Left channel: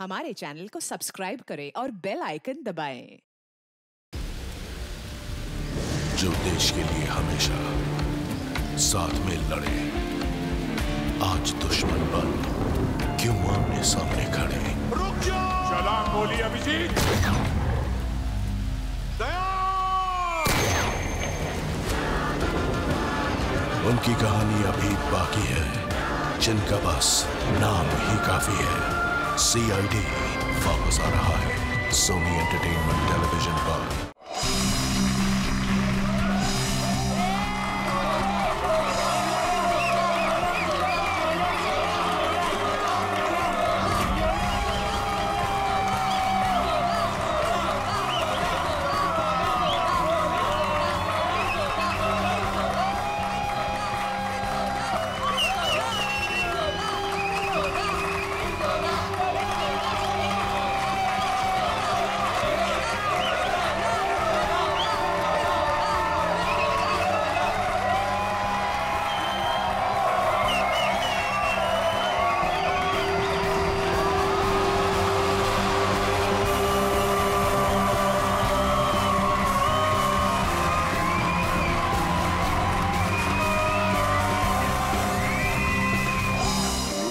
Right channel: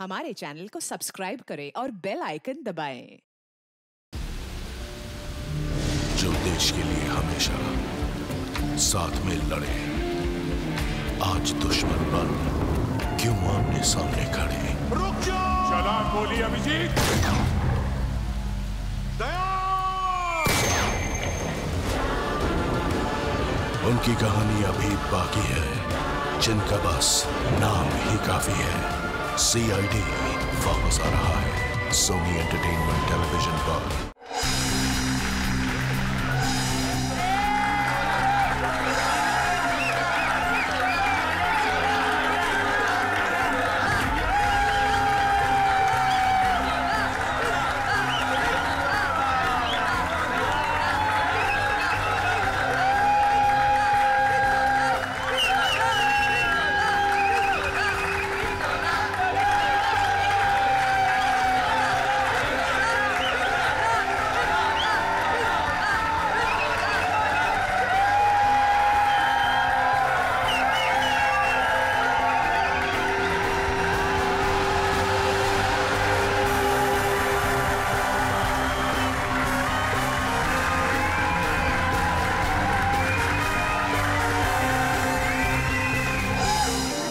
हमारे चैनल को सब्सक्राइब करें और बेल आइकन दबाएं। जो देश के लिए हमेशा साथ में लड़े, आज दुश्मन बन क्यों आमने सामने खड़े। रुक जाओ! सलाम बोली अभिजीत। दया! उनकी कहानी अभी बाकी है, जिनका बस नाम ही काफी है। CID वापस आ रहा है सोनी एंटरटेनमेंट टेलीविजन पर।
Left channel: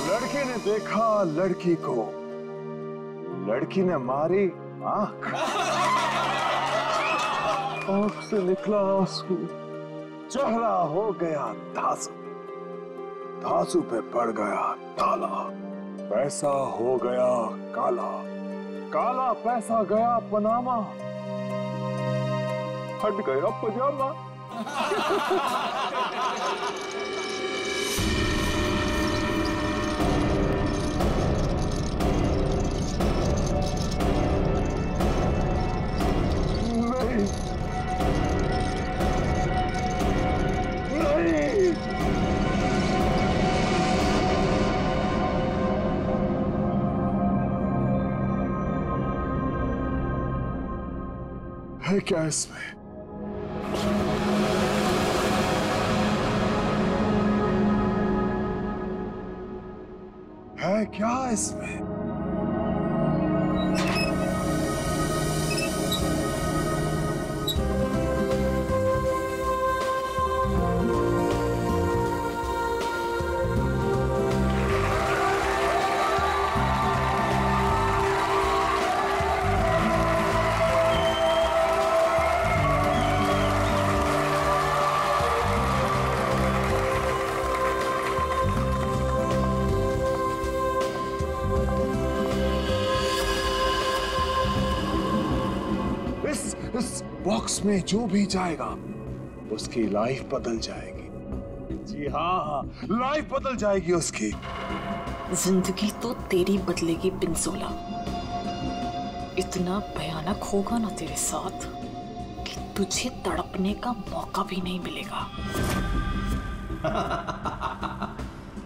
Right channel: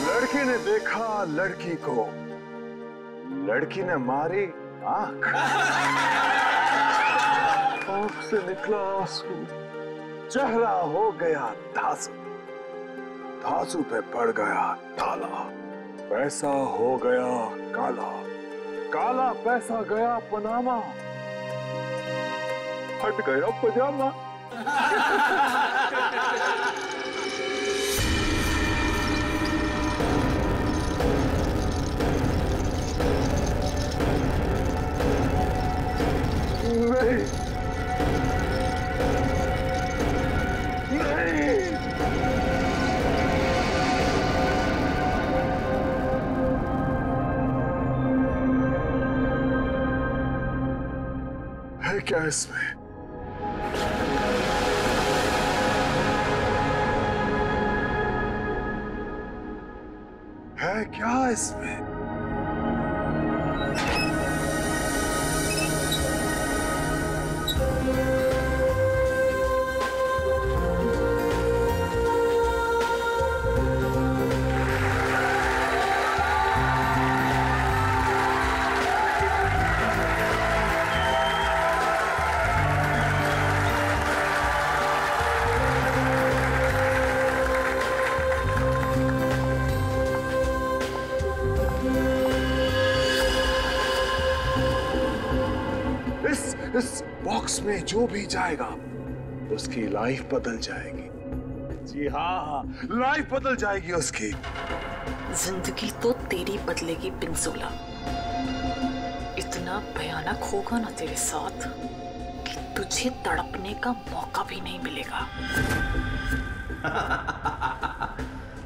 लड़के ने देखा लड़की को, लड़की ने मारी आंख, आंख से निकला आंसू, चेहरा हो गया धांसू, धांसू पे पड़ गया ताला, पैसा हो गया काला, काला पैसा गया पनामा, फट गया पजामा। नहीं, नहीं, है क्या इसमें? है क्या इसमें? इस बॉक्स में जो भी जाएगा उसकी लाइफ बदल जाएगी। जी हाँ, लाइफ बदल जाएगी उसकी। जिंदगी तो तेरी बदलेगी पिंजोला। इतना भयानक होगा ना तेरे साथ कि तुझे तड़पने का मौका भी नहीं मिलेगा।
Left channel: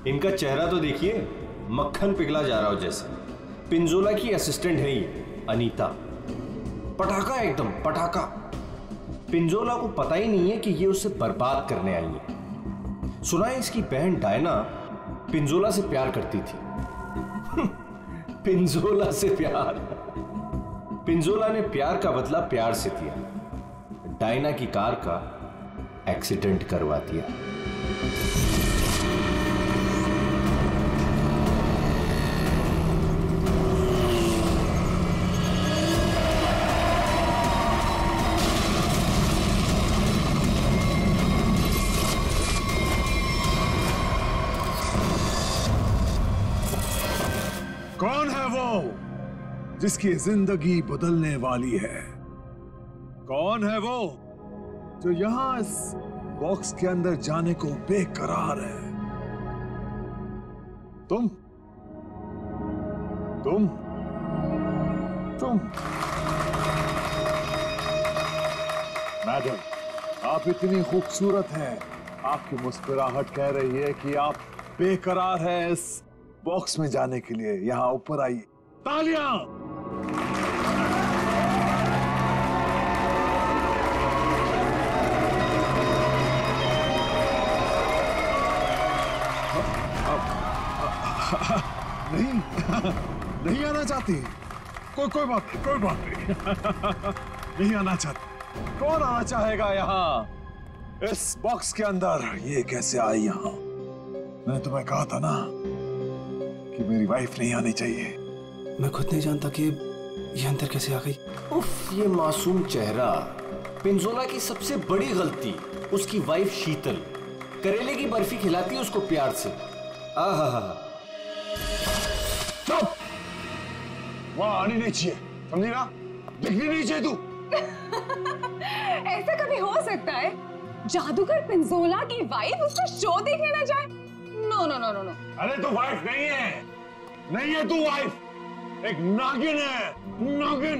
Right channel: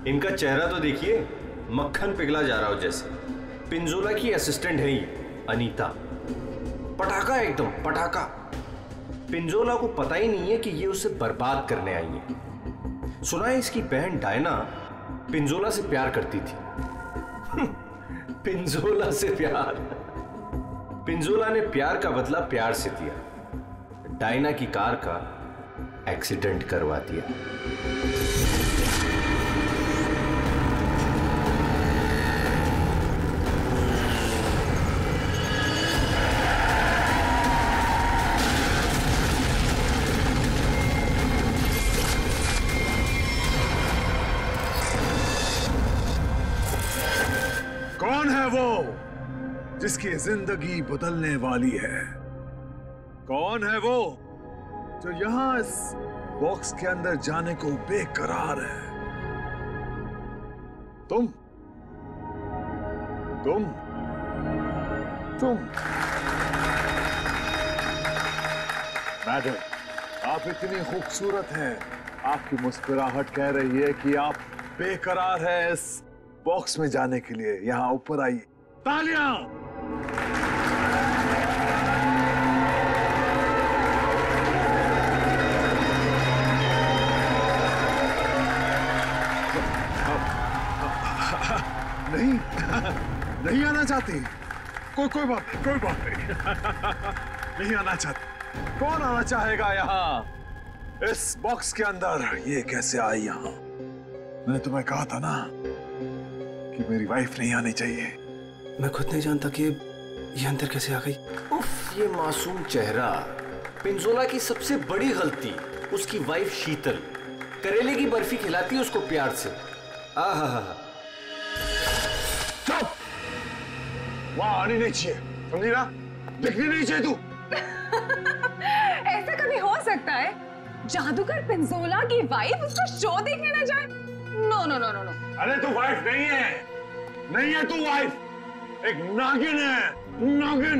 इनका चेहरा तो देखिए, मक्खन पिघला जा रहा हो जैसे। पिंजोला की असिस्टेंट है ये अनीता, पटाखा एकदम पटाखा। पिंजोला को पता ही नहीं है कि ये उसे बर्बाद करने आई है। सुना है इसकी बहन डायना पिंजोला से प्यार करती थी। पिंजोला से प्यार। पिंजोला ने प्यार का बदला प्यार से दिया, डायना की कार का एक्सीडेंट करवा दिया। कौन है वो जिसकी जिंदगी बदलने वाली है? कौन है वो जो यहां इस बॉक्स के अंदर जाने को बेकरार है? तुम मैडम, आप इतनी खूबसूरत हैं। आपकी मुस्कुराहट कह रही है कि आप बेकरार हैं इस बॉक्स में जाने के लिए। यहां ऊपर आइए। तालियां! नहीं नहीं आना चाहती? कोई बात नहीं नहीं आना चाहती। कौन आना चाहेगा यहाँ? इस बॉक्स के अंदर ये कैसे आई यहाँ? मैंने तुम्हें कहा था ना कि मेरी वाइफ नहीं आनी चाहिए। मैं खुद नहीं जानता कि ये अंदर कैसे आ गई। उफ, ये मासूम चेहरा। पिंजोला की सबसे बड़ी गलती उसकी वाइफ शीतल करेले की बर्फी खिलाती है उसको प्यार से। आहा, चुप! वहां आनी नहीं चाहिए, समझी ना? दिखनी नहीं चाहिए तू। ऐसा कभी हो सकता है जादूगर पिंजोला की वाइफ उसका शो देखने ना जाए? No no no no no. अरे तू वाइफ नहीं है, नहीं है तू वाइफ, एक नागिन है, नागिन।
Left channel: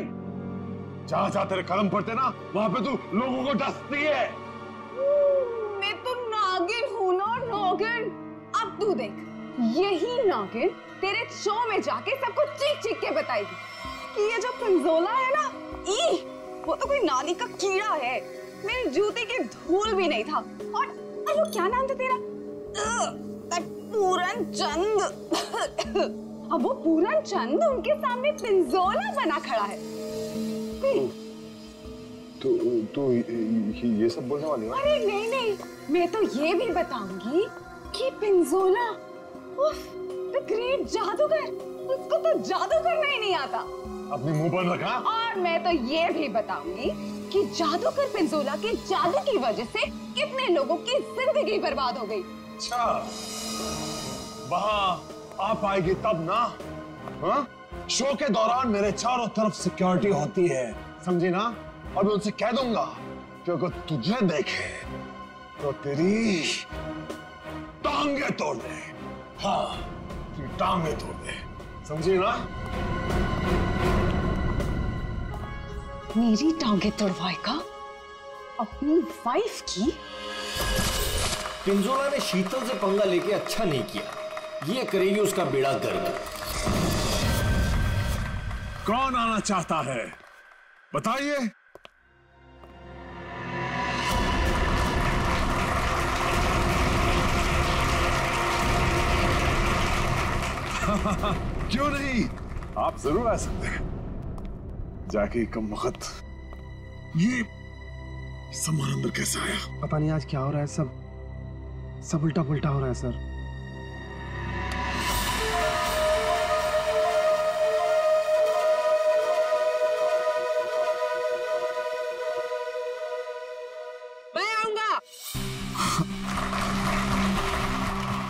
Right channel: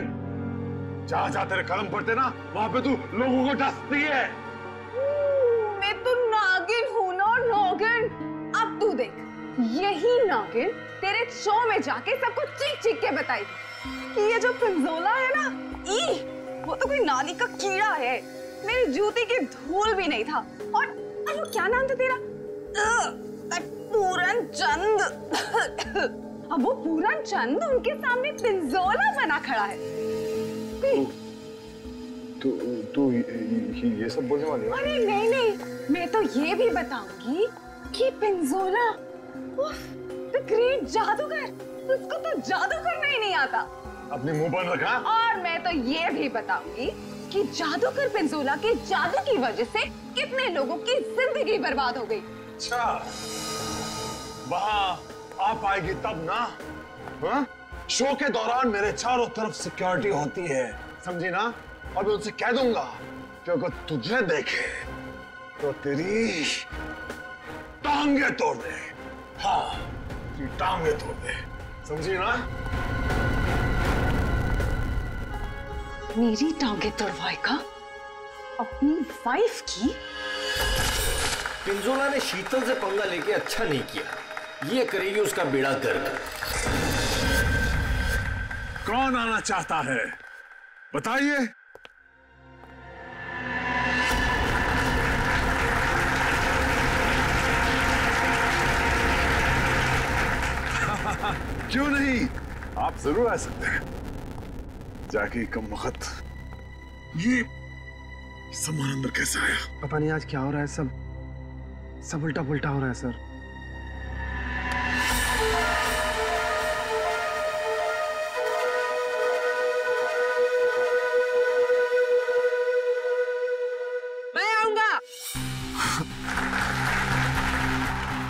जहां जहां तेरे कलम पड़ते ना वहां पे तू लोगों को डसती है। मैं तो नागिन हूं ना, नागिन। अब तू देख, यही नागिन तेरे शो में जाके सबको चीख चीख के बताएगी कि ये जो पिंजोला है ना, वो तो कोई नाली का कीड़ा है, मेरी जूती की धूल भी नहीं था। और वो क्या नाम था तेरा? पूरन चंद। अब वो पूरन चंद उनके सामने पिंजोला बना खड़ा है। तू ये सब बोलने वाली है? अरे नहीं नहीं, मैं तो ये भी बताऊंगी कि पिंजोला द ग्रेट जादूगर, उसको तो जादू करना ही नहीं आता। अपनी मुंह बंद रखा। और मैं तो ये भी बताऊंगी कि जादूगर पिंजोला के जादू की वजह से कितने लोगों की जिंदगी बर्बाद हो गई। अच्छा, वहां आप आएगी तब ना? हाँ? शो के दौरान मेरे चारों तरफ सिक्योरिटी होती है, समझी ना? और मैं उनसे कह दूंगा कि अगर तुझे देखे तो तेरी टांगे तोड़ दे। हाँ, तेरी टांगे तोड़ दे, समझी ना? मेरी टांगे तोड़वाएगा अपनी वाइफ की? पिंजोला ने शीतल से पंगा लेके अच्छा नहीं किया, ये करेगी उसका बेड़ा गर्क। कौन आना चाहता है बताइए? क्यों नहीं, आप जरूर आ सकते हैं। जाके कम वक्त ये सामान अंदर कैसे आया? पता नहीं आज क्या हो रहा है, सब उल्टा पुल्टा हो रहा है सर। मैं आऊंगा।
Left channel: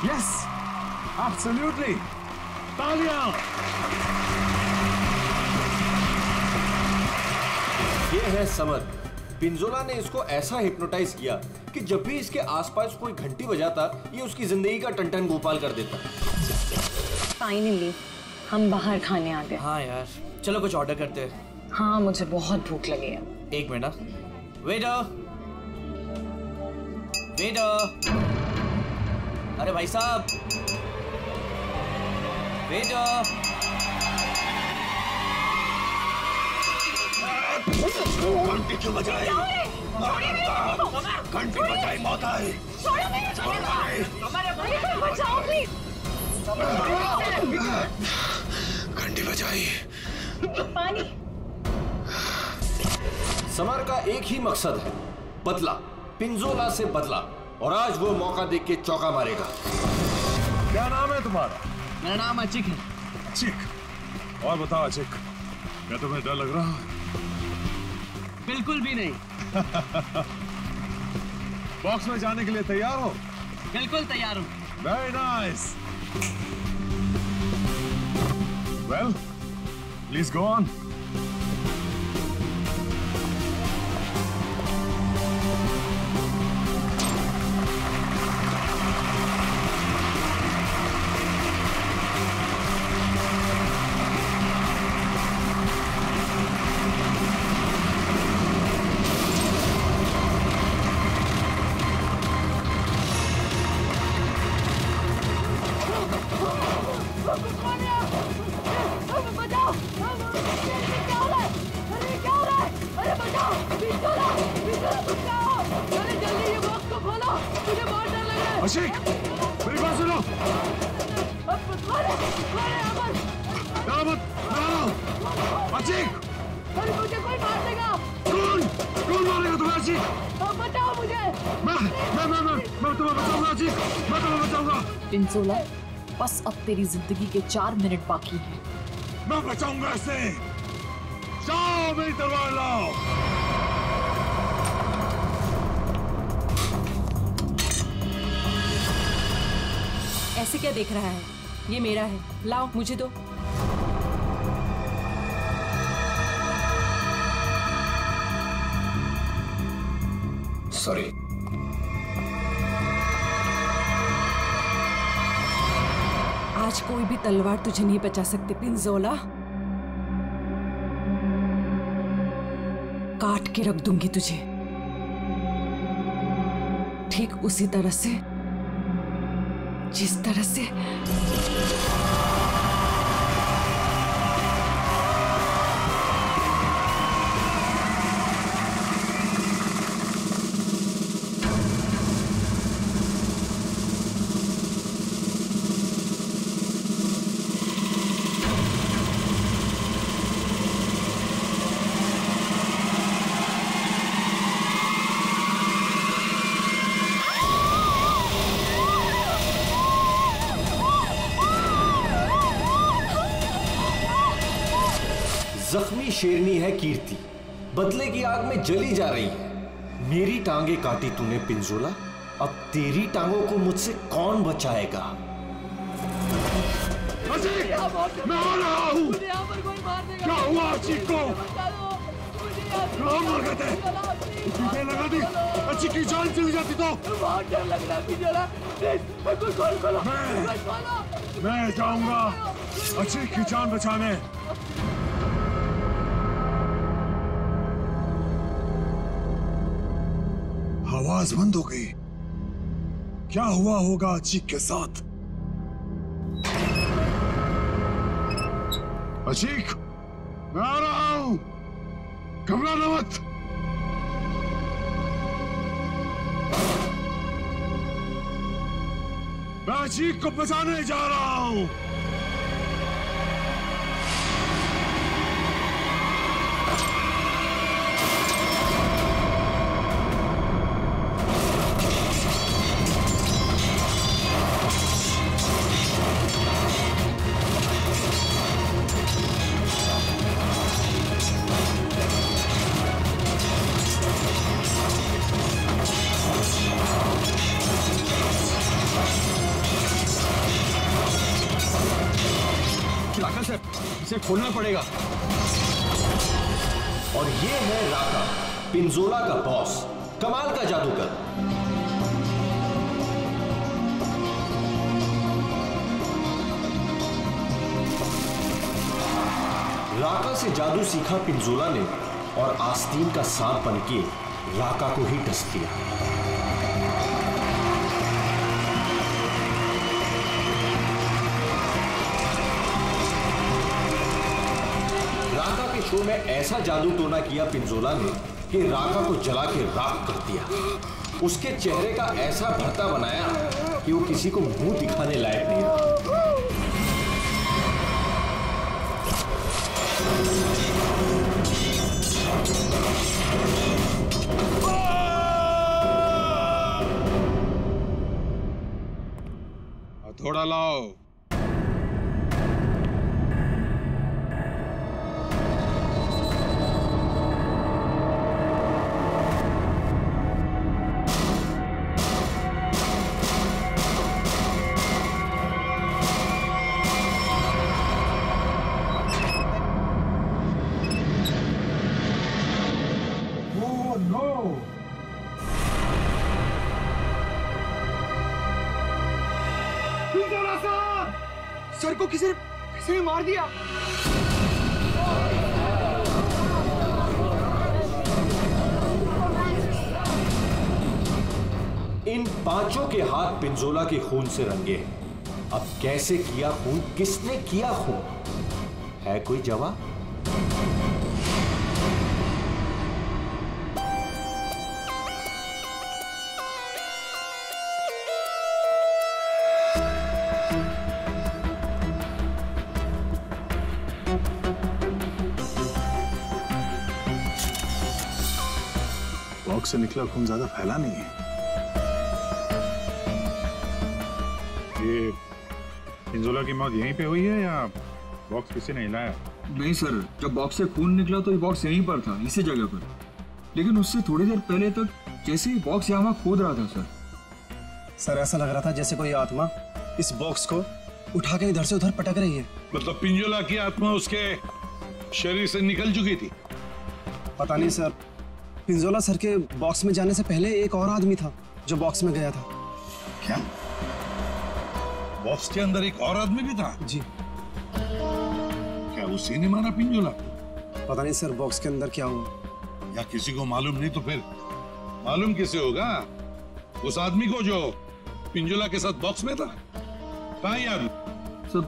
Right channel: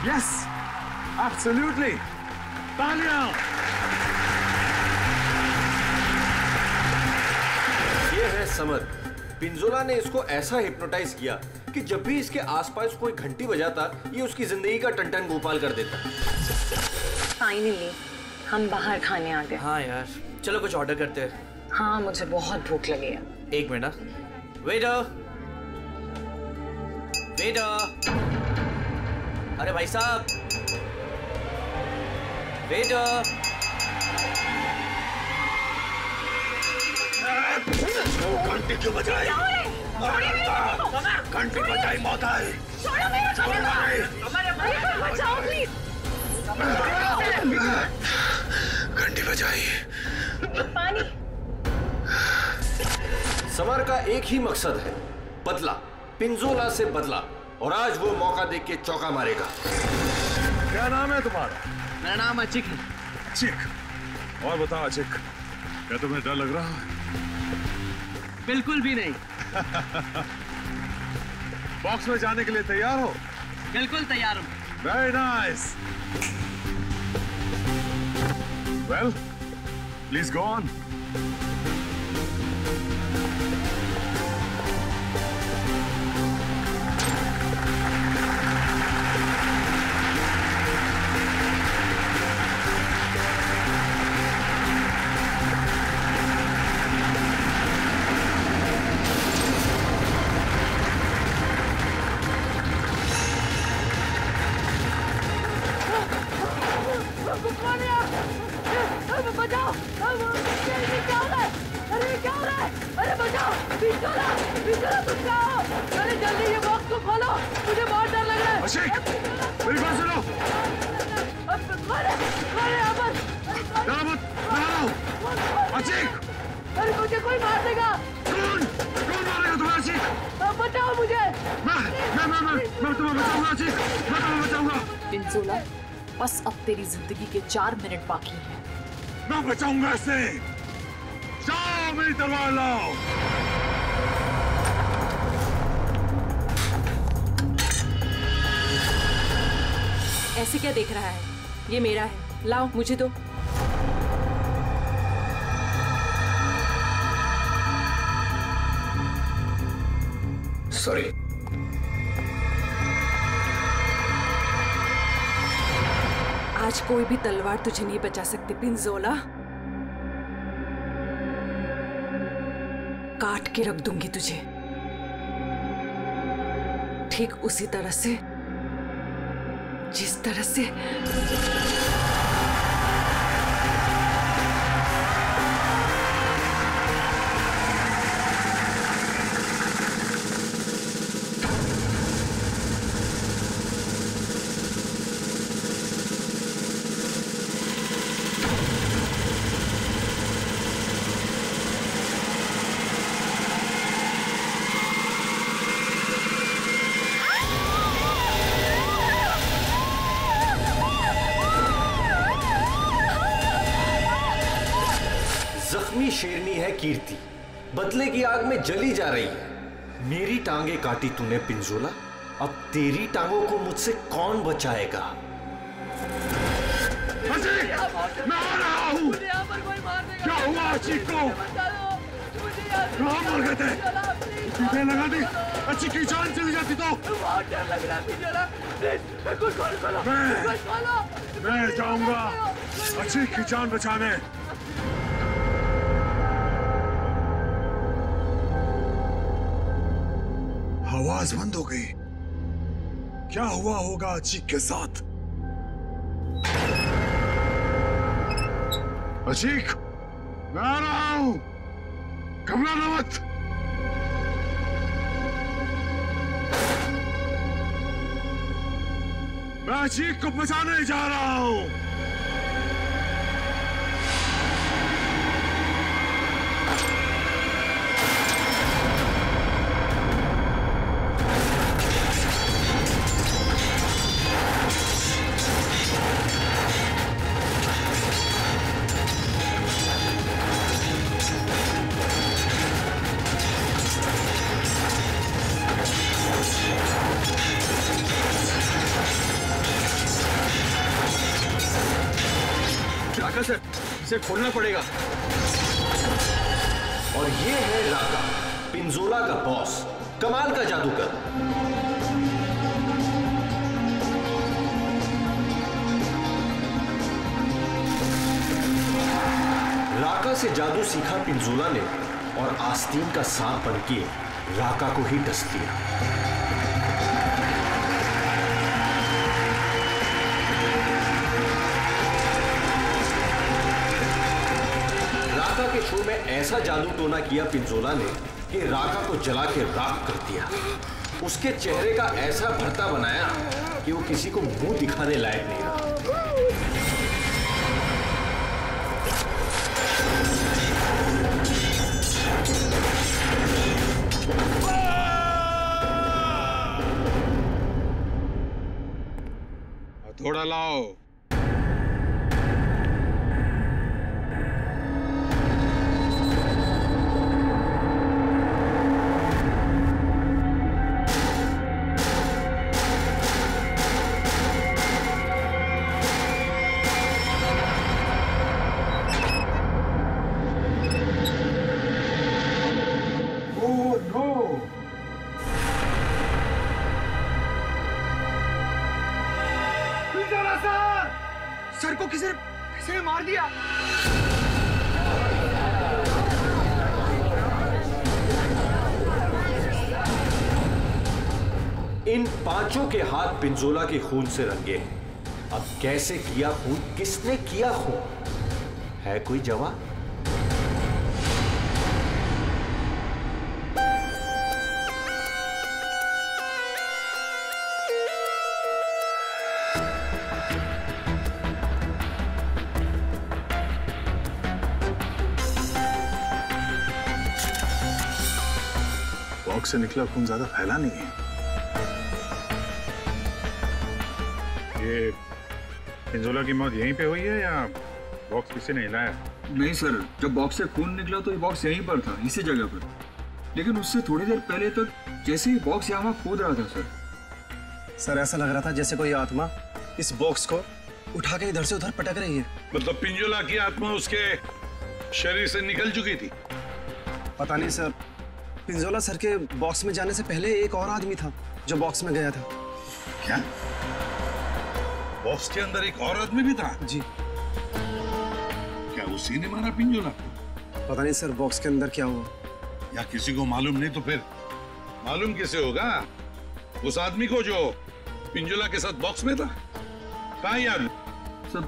Yes, absolutely. तालियां। ये है समर। पिंजोला ने इसको ऐसा हिप्नोटाइज किया कि जब भी इसके आसपास कोई घंटी बजाता ये उसकी जिंदगी का टन गोपाल कर देता। फाइनली हम बाहर खाने आ गए। हाँ यार, चलो कुछ ऑर्डर करते हैं। हाँ, मुझे बहुत भूख लगी है। एक मिनट। वेटर, वेटर, अरे भाई साहब, वेटर। घंटी क्यों बजाई? घंटी बजाई मौत आई। घंटी बजाई। पानी। समर का एक ही मकसद है, बदला, पिंजोला से बदला, और आज वो मौका देख के चौका मारेगा। क्या नाम है तुम्हारा? मेरा नाम अचिक है। अचिक? और बताओ अचिक, क्या तुम्हें डर लग रहा है? बिल्कुल भी नहीं। बॉक्स में जाने के लिए तैयार हो? बिल्कुल तैयार हूँ। Very nice. Well, please go on. Ashik, मेरी बात सुनो। डरो मत, मैं आ रहा हूँ। अचीक! अरे मुझे कोई मार देगा। कौन मारेगा तुम्हें अचीक? बचाओ मुझे। मैं तुम्हें बचाऊंगा अचीक, मैं तुम्हें बचाऊंगा। पिंजोला, बस अब तेरी जिंदगी के 4 मिनट बाकी हैं। मैं बचाऊंगा इसे। जाओ मेरी तलवार लाओ। ऐसे क्या देख रहा है? ये मेरा है, लाओ मुझे दो। सॉरी। आज कोई भी तलवार तुझे नहीं बचा सकती पिंजोला। काट के रख दूंगी तुझे, ठीक उसी तरह से जिस तरह से जख्मी शेरनी है कीर्ति, बदले की आग में जली जा रही है। मेरी टांगे काटी तूने पिंजोला, अब तेरी टांगों को मुझसे कौन बचाएगा? मैं आ रहा हूँ। क्या हुआ अचीक को? कहाँ मर गए थे? पीछे लगा दी, अचीक की जान चली जाती तो। बहुत डर लग रहा है पिंजोला, प्लीज कुछ खोलो। मैं जाऊंगा अचीक की जान बचाने। आवाज बंद हो गई। क्या हुआ होगा अचीक के साथ? अचीक, मैं आ रहा हूं, घबराना मत। मैं अचीक को बचाने जा रहा हूं। सर, इसे खोलना पड़ेगा। और ये है राका, पिंजोला का बॉस, कमाल का जादूगर। राका से जादू सीखा पिंजोला ने और आस्तीन का सांप बनके राका को ही डस लिया। राका के शो में ऐसा जादू टोना किया पिंजोला ने कि राका को जला के राख कर दिया। उसके चेहरे का ऐसा भरता बनाया कि वो किसी को मुंह दिखाने लायक नहीं रहा। हथौड़ा लाओ। सर को किसी ने मार दिया। इन पांचों के हाथ पिंजोला के खून से रंगे हैं। अब कैसे किया खून, किसने किया खून, है कोई जवाब? बॉक्स से निकला खून ज्यादा फैला नहीं है। ये पिंजोला की मौत यहीं पे हुई है या बॉक्स किसी ने हिलाया? नहीं सर, जब बॉक्स से खून निकला तो ये बॉक्स यहीं पर था, इसी जगह पर। लेकिन उससे थोड़ी देर पहले तक जैसे ही बॉक्स यहाँ खोद रहा था सर। सर ऐसा लग रहा था जैसे कोई आत्मा इस बॉक्स को उठा के इधर से उधर पटक रही है। मतलब पिंजोला की आत्मा उसके शरीर से निकल चुकी थी? पता नहीं सर, पिंजोला सर के बॉक्स में जाने से पहले एक और आदमी था जो बॉक्स में गया था। क्या बॉक्स के अंदर एक और आदमी भी था? जी। क्या उसी ने मारा पिंजोला को? पता नहीं सर बॉक्स के अंदर क्या हुआ। या किसी को मालूम नहीं तो फिर मालूम किसे होगा? उस आदमी को जो पिंजोला के साथ बॉक्स में था। कहाँ यार? सर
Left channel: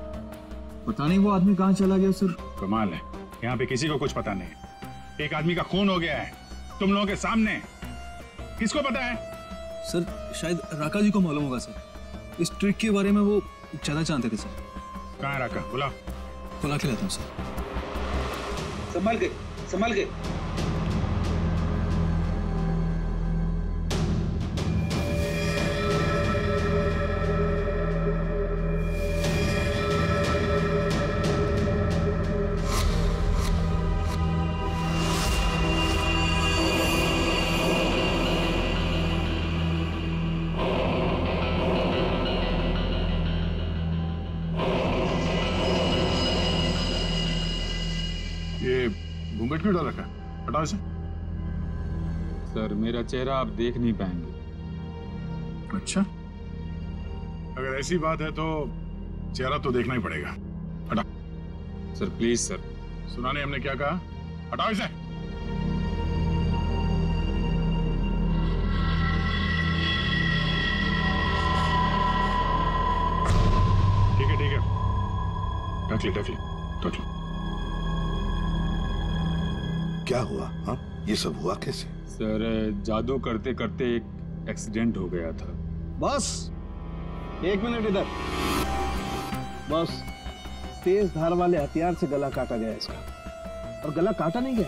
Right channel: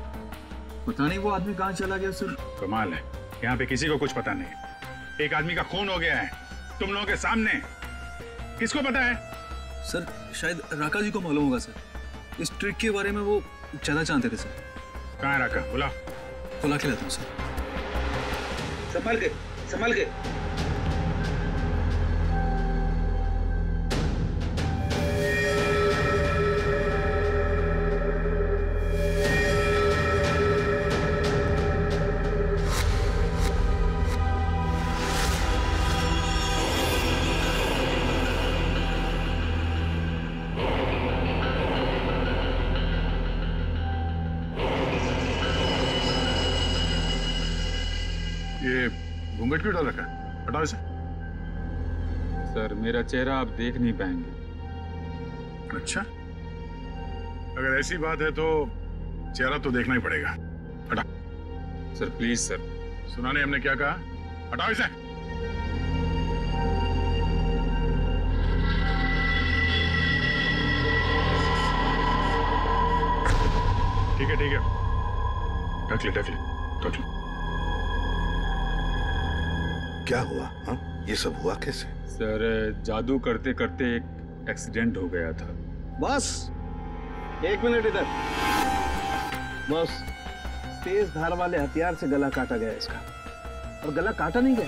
पता नहीं वो आदमी कहाँ चला गया सर। कमाल है, यहाँ पे किसी को कुछ पता नहीं। एक आदमी का खून हो गया है तुम लोगों के सामने, किसको पता है? सर शायद राका जी को मालूम होगा सर, इस ट्रिक के बारे में वो ज्यादा जानते थे सर। कहाँ है राका? बुला के लाता हूँ सर। संभाल के, संभाल के। ये घूंघट क्यों डाल रखा है? हटाओ इसे। सर मेरा चेहरा आप देख नहीं पाएंगे। अच्छा, अगर ऐसी बात है तो चेहरा तो देखना ही पड़ेगा। हटा। Sir please sir. सुना नहीं हमने क्या कहा? हटाओ इसे। ठीक है ढक ले। क्या हुआ? हाँ, ये सब हुआ कैसे? सर जादू करते करते एक एक्सीडेंट हो गया था। बस 1 मिनट इधर। बस तेज धार वाले हथियार से गला काटा गया इसका, और गला काटा नहीं गया,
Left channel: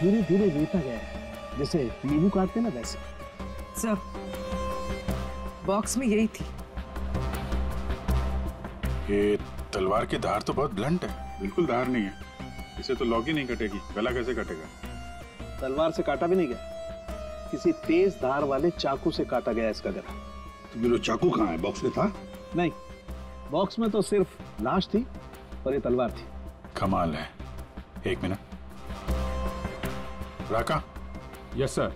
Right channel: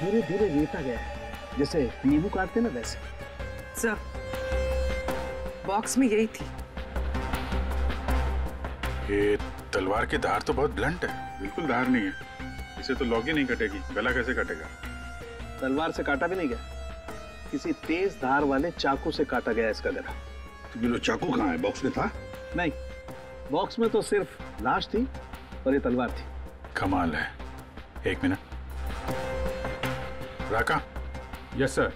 धीरे धीरे रेता गया है, जैसे नींबू काटते ना वैसे। सर बॉक्स में यही थी। ये तलवार की धार तो बहुत ब्लंट है। बिल्कुल धार नहीं है, इसे तो लॉग ही नहीं कटेगी, गला कैसे कटेगा? तलवार से काटा भी नहीं गया, किसी तेज धार वाले चाकू से काटा गया इसका गला। तो फिर वो चाकू कहाँ है? बॉक्स में था? नहीं, बॉक्स में तो सिर्फ लाश थी और ये तलवार थी। कमाल है। 1 मिनट। राका। Yes sir.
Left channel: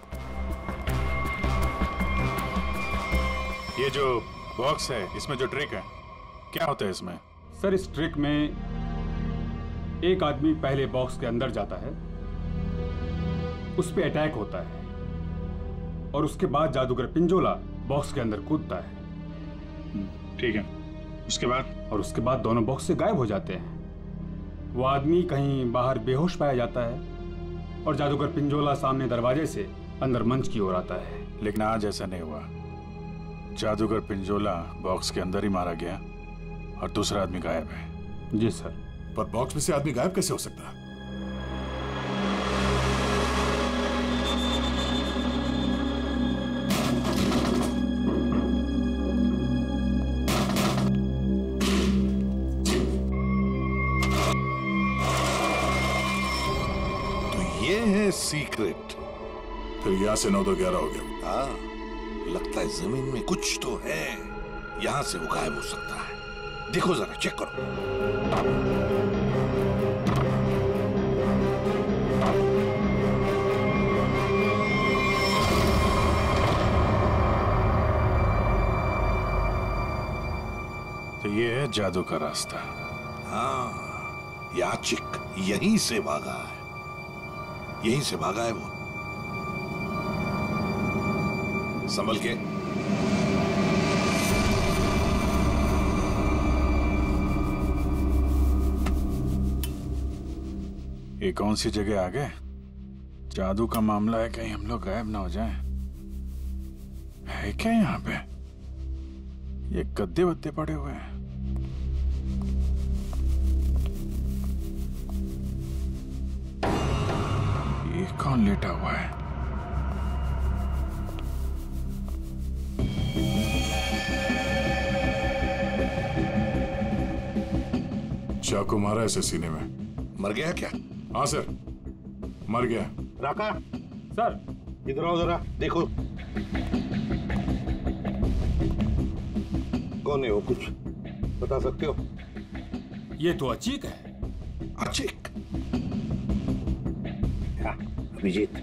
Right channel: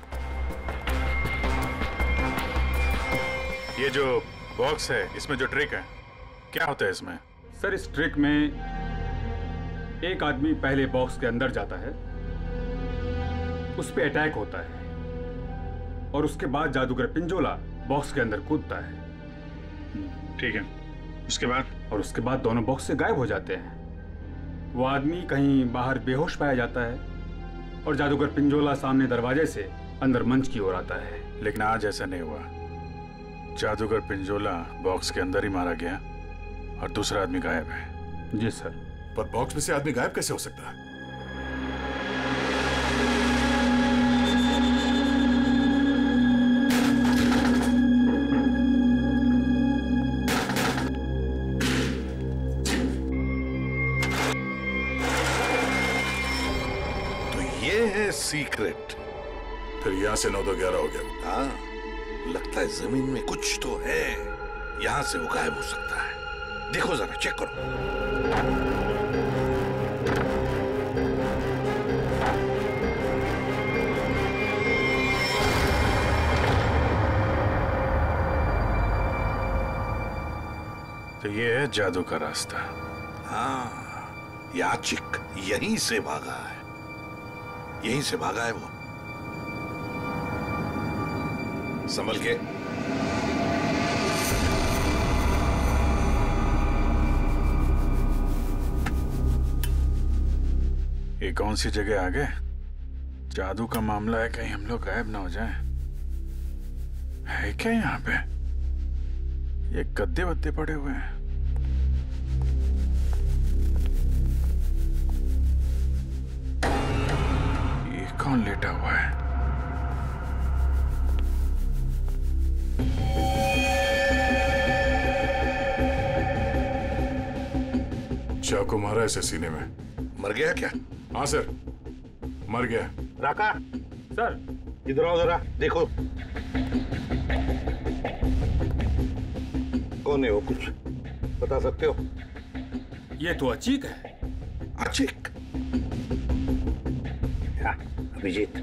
ये जो बॉक्स है इसमें जो ट्रिक है क्या होता है इसमें? सर इस ट्रिक में एक आदमी पहले बॉक्स के अंदर जाता है, उस पे अटैक होता है, और उसके बाद जादूगर पिंजोला बॉक्स के अंदर कूदता है। ठीक है, उसके बाद? और उसके बाद दोनों बॉक्स से गायब हो जाते हैं। वो आदमी कहीं बाहर बेहोश पाया जाता है और जादूगर पिंजोला सामने दरवाजे से अंदर मंच की ओर आता है। लेकिन आज ऐसा नहीं हुआ। जादूगर पिंजोला बॉक्स के अंदर ही मारा गया और दूसरा आदमी गायब है। जी सर। पर बॉक्स में से आदमी गायब कैसे हो सकता है? तो ये है सीक्रेट। फिर यहां से 9 तो 11 हो गया। हाँ, लगता है जमीन में कुछ तो है, यहां से वो गायब हो सकता है। देखो जरा, चेक करो। तो ये है जादू का रास्ता। हाँ, याचिक यहीं से भागा है, यहीं से भागा है वो। संभल के। ये कौन सी जगह आ गए? जादू का मामला है, कहीं हम लोग गायब ना हो जाएं। है क्या यहाँ पे? ये गद्दे वद्दे पड़े हुए हैं। ये कौन लेटा हुआ है? को मारा ऐसे सीने में। मर गया क्या? हाँ सर, मर गया। राका, सर इधर आओ जरा, देखो कौन है वो, कुछ बता सकते हो? ये तो अचीक है। अचीक? क्या अभिजीत,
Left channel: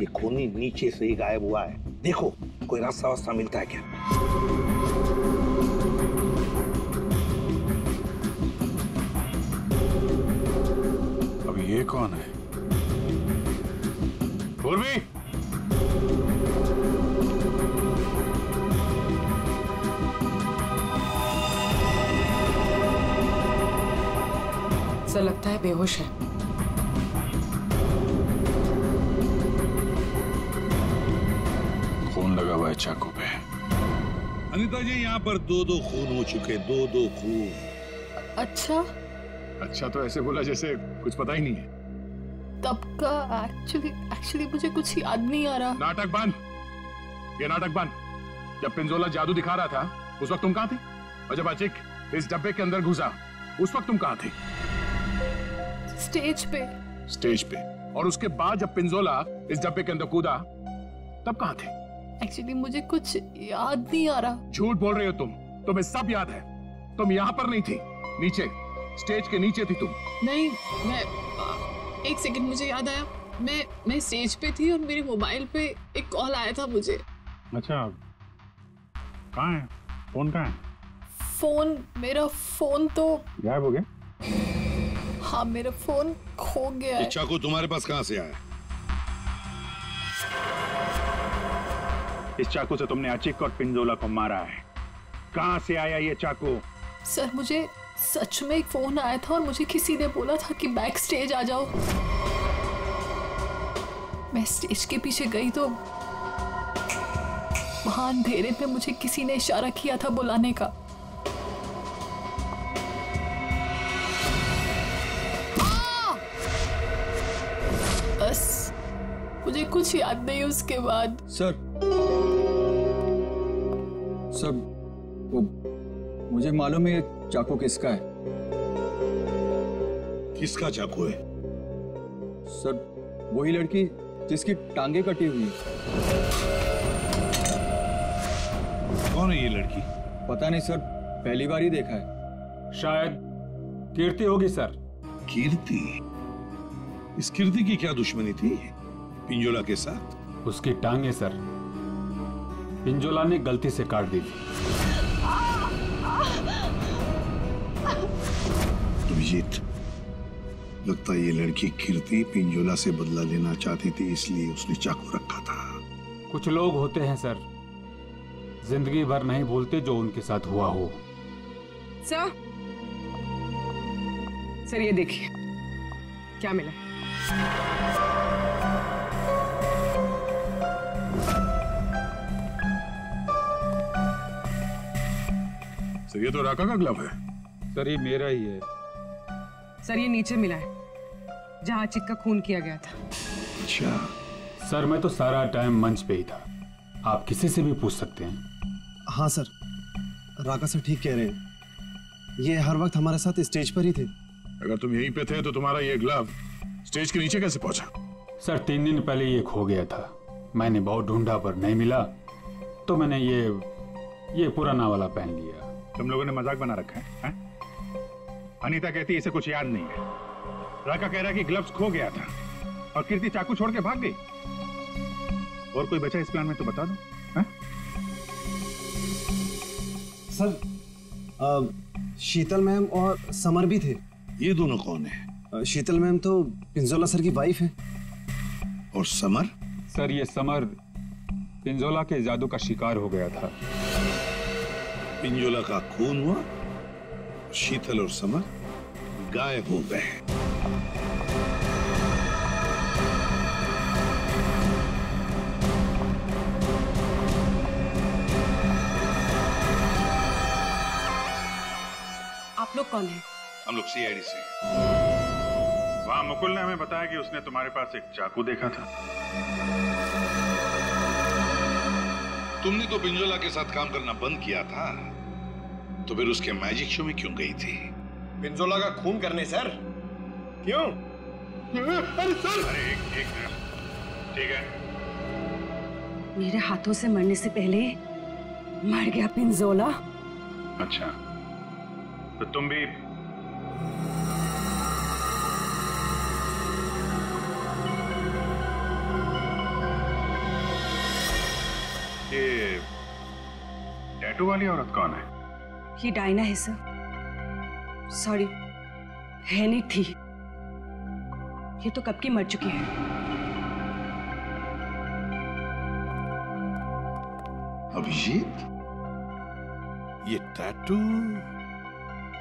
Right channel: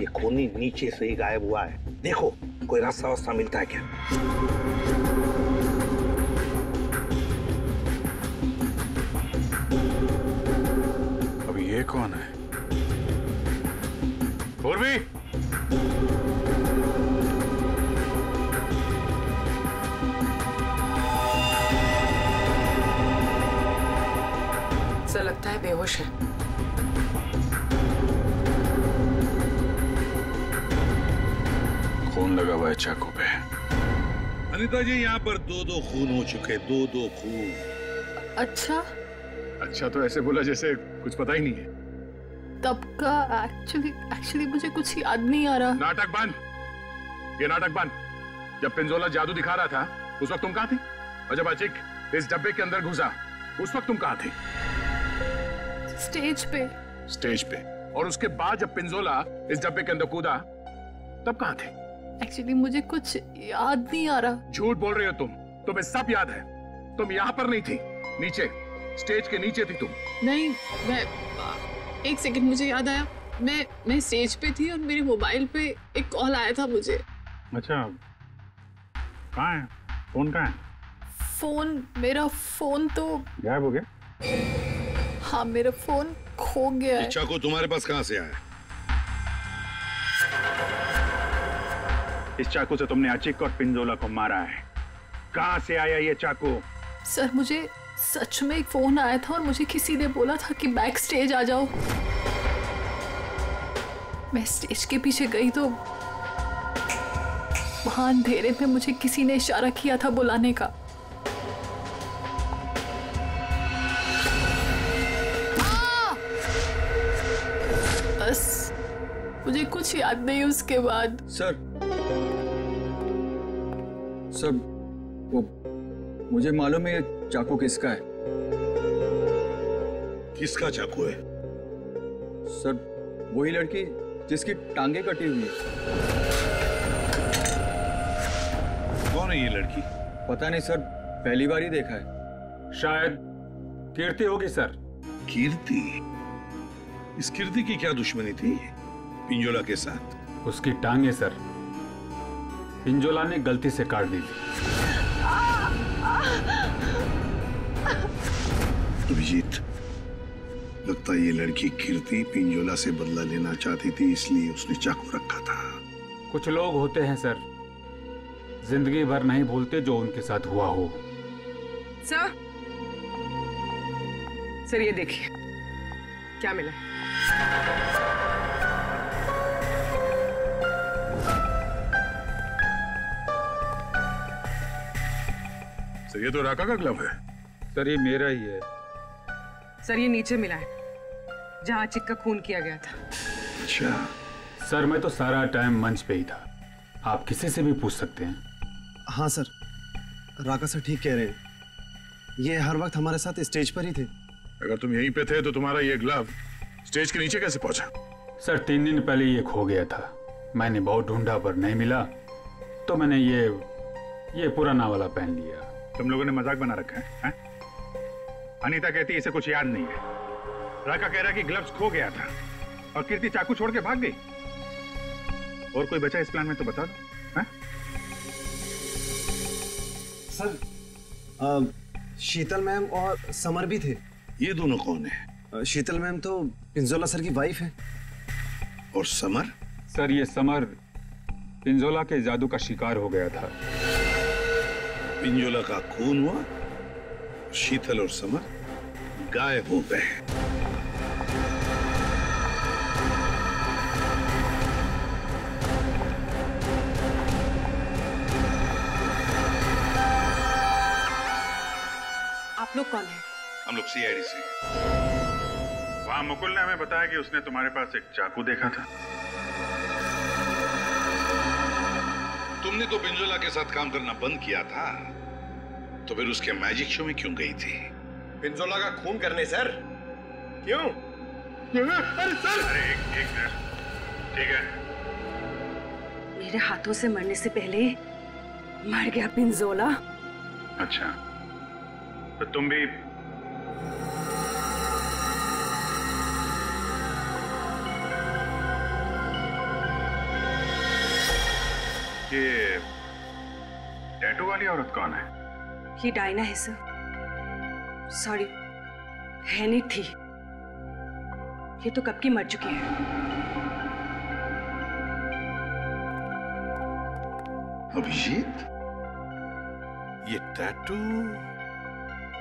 ये खूनी नीचे से ही गायब हुआ है, देखो कोई रास्ता वास्ता मिलता है क्या? अब ये कौन है? पूर्वी, ऐसा लगता है बेहोश है। खून लगा हुआ है चाकू पे। अनीता जी, यहाँ पर 2-2 खून हो चुके, 2-2 खून। अच्छा, अच्छा तो ऐसे बोला जैसे कुछ पता ही नहीं है। तब का एक्चुअली मुझे कुछ याद नहीं आ रहा। नाटक बंद, ये नाटक बंद। जब पिंजोला जादू दिखा रहा था उस वक्त तुम कहाँ थी? और जब अचीक इस डब्बे के अंदर घुसा उस वक्त तुम कहाँ थी? स्टेज पे। स्टेज पे। और उसके बाद जब पिंजोला इस डब्बे के अंदर कूदा तब कहाँ थे? एक्चुअली मुझे कुछ याद नहीं आ रहा। झूठ बोल रही हो तुम, तुम्हें सब याद है। तुम यहाँ पर नहीं थी, नीचे स्टेज के नीचे थी तुम। नहीं, मैं एक सेकंड, मुझे याद आया। मैं स्टेज पे थी और मेरे मोबाइल पे एक कॉल आया था मुझे। अच्छा, कहाँ है फोन? कहाँ है फोन? मेरा फोन तो गायब हो गया। हाँ, मेरा फोन खो गया है। चाकू तुम्हारे पास कहाँ से आया? इस चाकू से तुमने अचीक और पिंजोला को मारा है। कहाँ से आया ये चाकू? सर, मुझे सच में एक फोन आया था और मुझे किसी ने बोला था कि बैक स्टेज आ जाओ। मैं स्टेज के पीछे गई तो वहां अंधेरे में मुझे किसी ने इशारा किया था बुलाने का। बस मुझे कुछ याद नहीं उसके बाद। सर वो मुझे मालूम है ये चाकू किसका है। किसका चाकू है? सर वही लड़की जिसकी टांगे कटी हुई है। कौन है ये लड़की? पता नहीं सर, पहली बार ही देखा है। शायद कीर्ति होगी सर। कीर्ति? इस कीर्ति की क्या दुश्मनी थी पिंजोला के साथ? उसकी टांगे सर पिंजोला ने गलती से काट दी थी। अभिजीत, लगता है ये लड़की कीर्ति पिंजोला से बदला लेना चाहती थी, इसलिए उसने चाकू रखा था। कुछ लोग होते हैं सर, जिंदगी भर नहीं भूलते जो उनके साथ हुआ हो। सर ये देखिए क्या मिला। सर ये तो राका का ग्लव है। सर ये मेरा ही है। सर ये नीचे मिला है जहां अचीक का खून किया गया था। अच्छा सर, मैं तो सारा टाइम मंच पे ही था, आप किसी से भी पूछ सकते हैं। हाँ सर, राका सर ठीक कह रहे हैं, ये हर वक्त हमारे साथ स्टेज पर ही थे। अगर तुम यहीं पे थे तो तुम्हारा ये ग्लव स्टेज के नीचे कैसे पहुंचा? सर 3 दिन पहले ये खो गया था, मैंने बहुत ढूंढा पर नहीं मिला, तो मैंने ये पुराना वाला पहन लिया। तुम लोगों ने मजाक बना रखा है? अनीता कहती है इसे कुछ याद नहीं है, राका कह रहा है कि ग्लव्स खो गया था और कीर्ति चाकू छोड़ के भाग गई। और कोई बचा इस प्लान में तो बता दो। सर शीतल मैम और समर भी थे। ये दोनों कौन है? शीतल मैम तो पिंजोला सर की वाइफ है। और समर? सर ये समर पिंजोला के जादू का शिकार हो गया था। पिंजोला का खून हुआ, शीतल और समर गायब हो गए। आप लोग कौन हैं? हम लोग सीआईडी से। वहां मुकुल ने हमें बताया कि उसने तुम्हारे पास एक चाकू देखा था। तुमने तो पिंजोला के साथ काम करना बंद किया था, तो फिर उसके मैजिक शो में क्यों गई थी? पिंजोला का खून करने सर। क्यों? अरे सर, अरे एक मिनट, ठीक है। मेरे हाथों से मरने से पहले मर गया पिंजोला। अच्छा, तो तुम भी ये टैटू वाली औरत कौन है? ये डायना है सर। सॉरी, है नहीं थी। ये तो कब की मर चुकी है। अभिजीत, ये टैटू?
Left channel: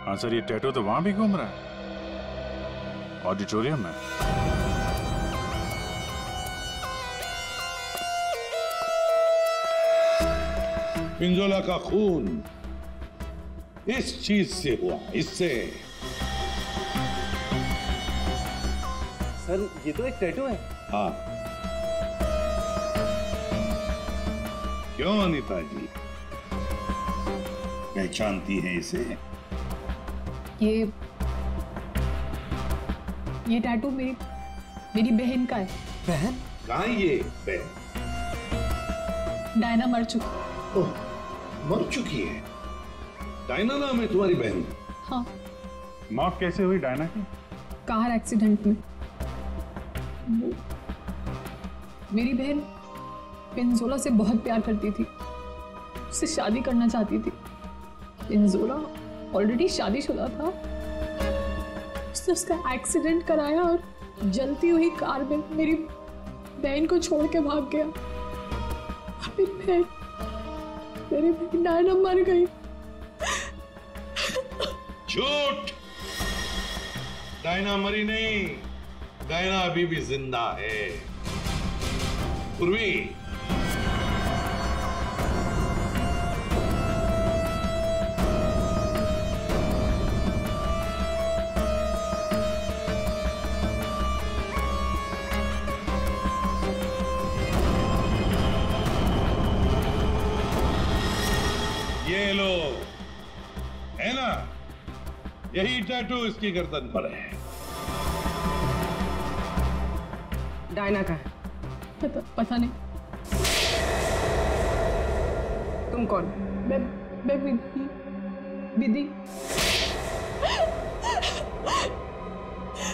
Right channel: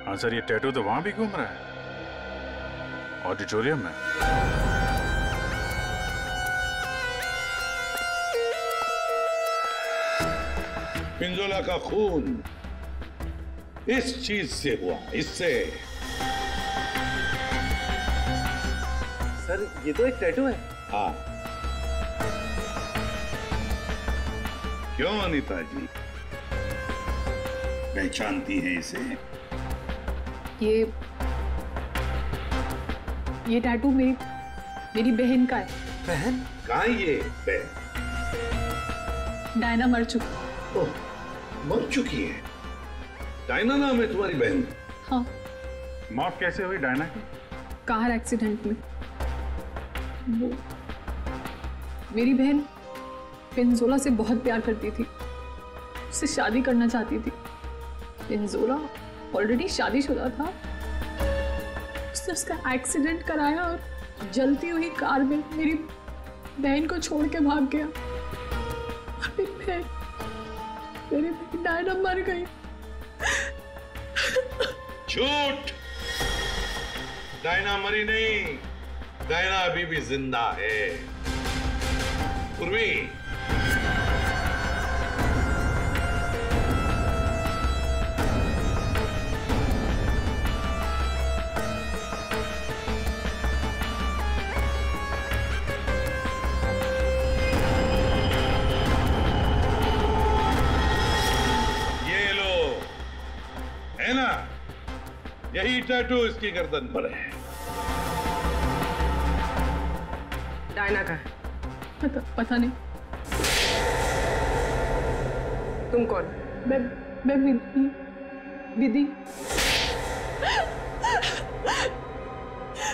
हाँ सर, ये टैटू तो वहां भी घूम रहा है, ऑडिटोरियम में। पिंजोला का खून इस चीज से हुआ, इससे। सर, ये तो एक टैटू है। हाँ। क्यों अनीता जी, पहचानती हैं इसे? ये टैटू मेरी बहन का है। बहन? कहाँ है ये बहन? डायना मर चुकी। ओह, मर चुकी है? डायना नाम है तुम्हारी बहन? हाँ। मौत कैसे हुई डायना की? कार एक्सीडेंट में। वो मेरी बहन पिंजोला से बहुत प्यार करती थी, उससे शादी करना चाहती थी। पिंजोला ऑलरेडी शादीशुदा था। उसने उसका एक्सीडेंट कराया और जलती हुई कार में मेरी बहन को छोड़ के भाग गया। मेरी बहन डायना मर गई। झूठ! डायना मरी नहीं, डायना अभी भी जिंदा है। पूर्वी, ये लो, है ना? यही टैटू इसकी गर्दन पर है। डायना का है? पता नहीं। तुम कौन? मैं विधि।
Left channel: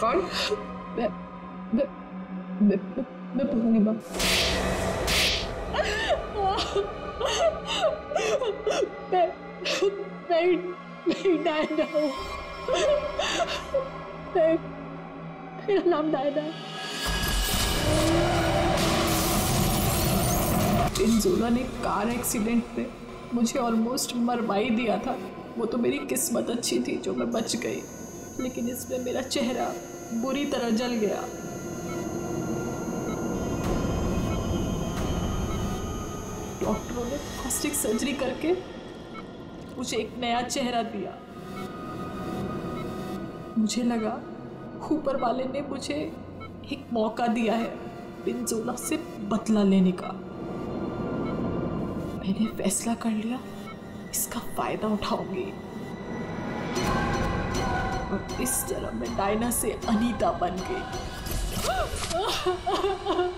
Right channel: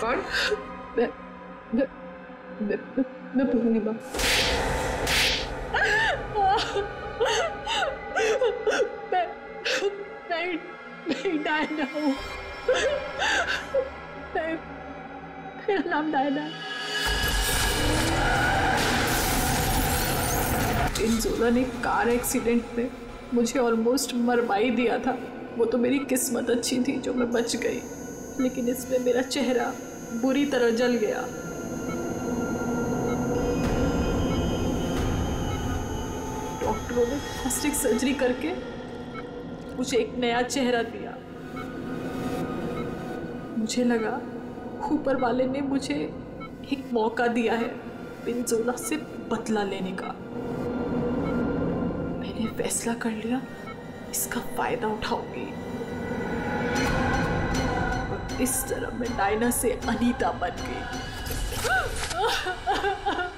कौन? मैं पूर्णिमा। मैं डायना हूँ। मेरा नाम डायना है। पिंजोला ने कार एक्सीडेंट में मुझे ऑलमोस्ट मरवा ही दिया था। वो तो मेरी किस्मत अच्छी थी जो मैं बच गई, लेकिन इसमें मेरा चेहरा बुरी तरह जल गया। डॉक्टरों ने प्लास्टिक सर्जरी करके मुझे एक नया चेहरा दिया। मुझे लगा ऊपर वाले ने मुझे एक मौका दिया है पिंजोला से बदला लेने का। मैंने फैसला कर लिया, इसका फायदा उठाऊंगी और इस तरह मैं डायना से अनीता बन गई।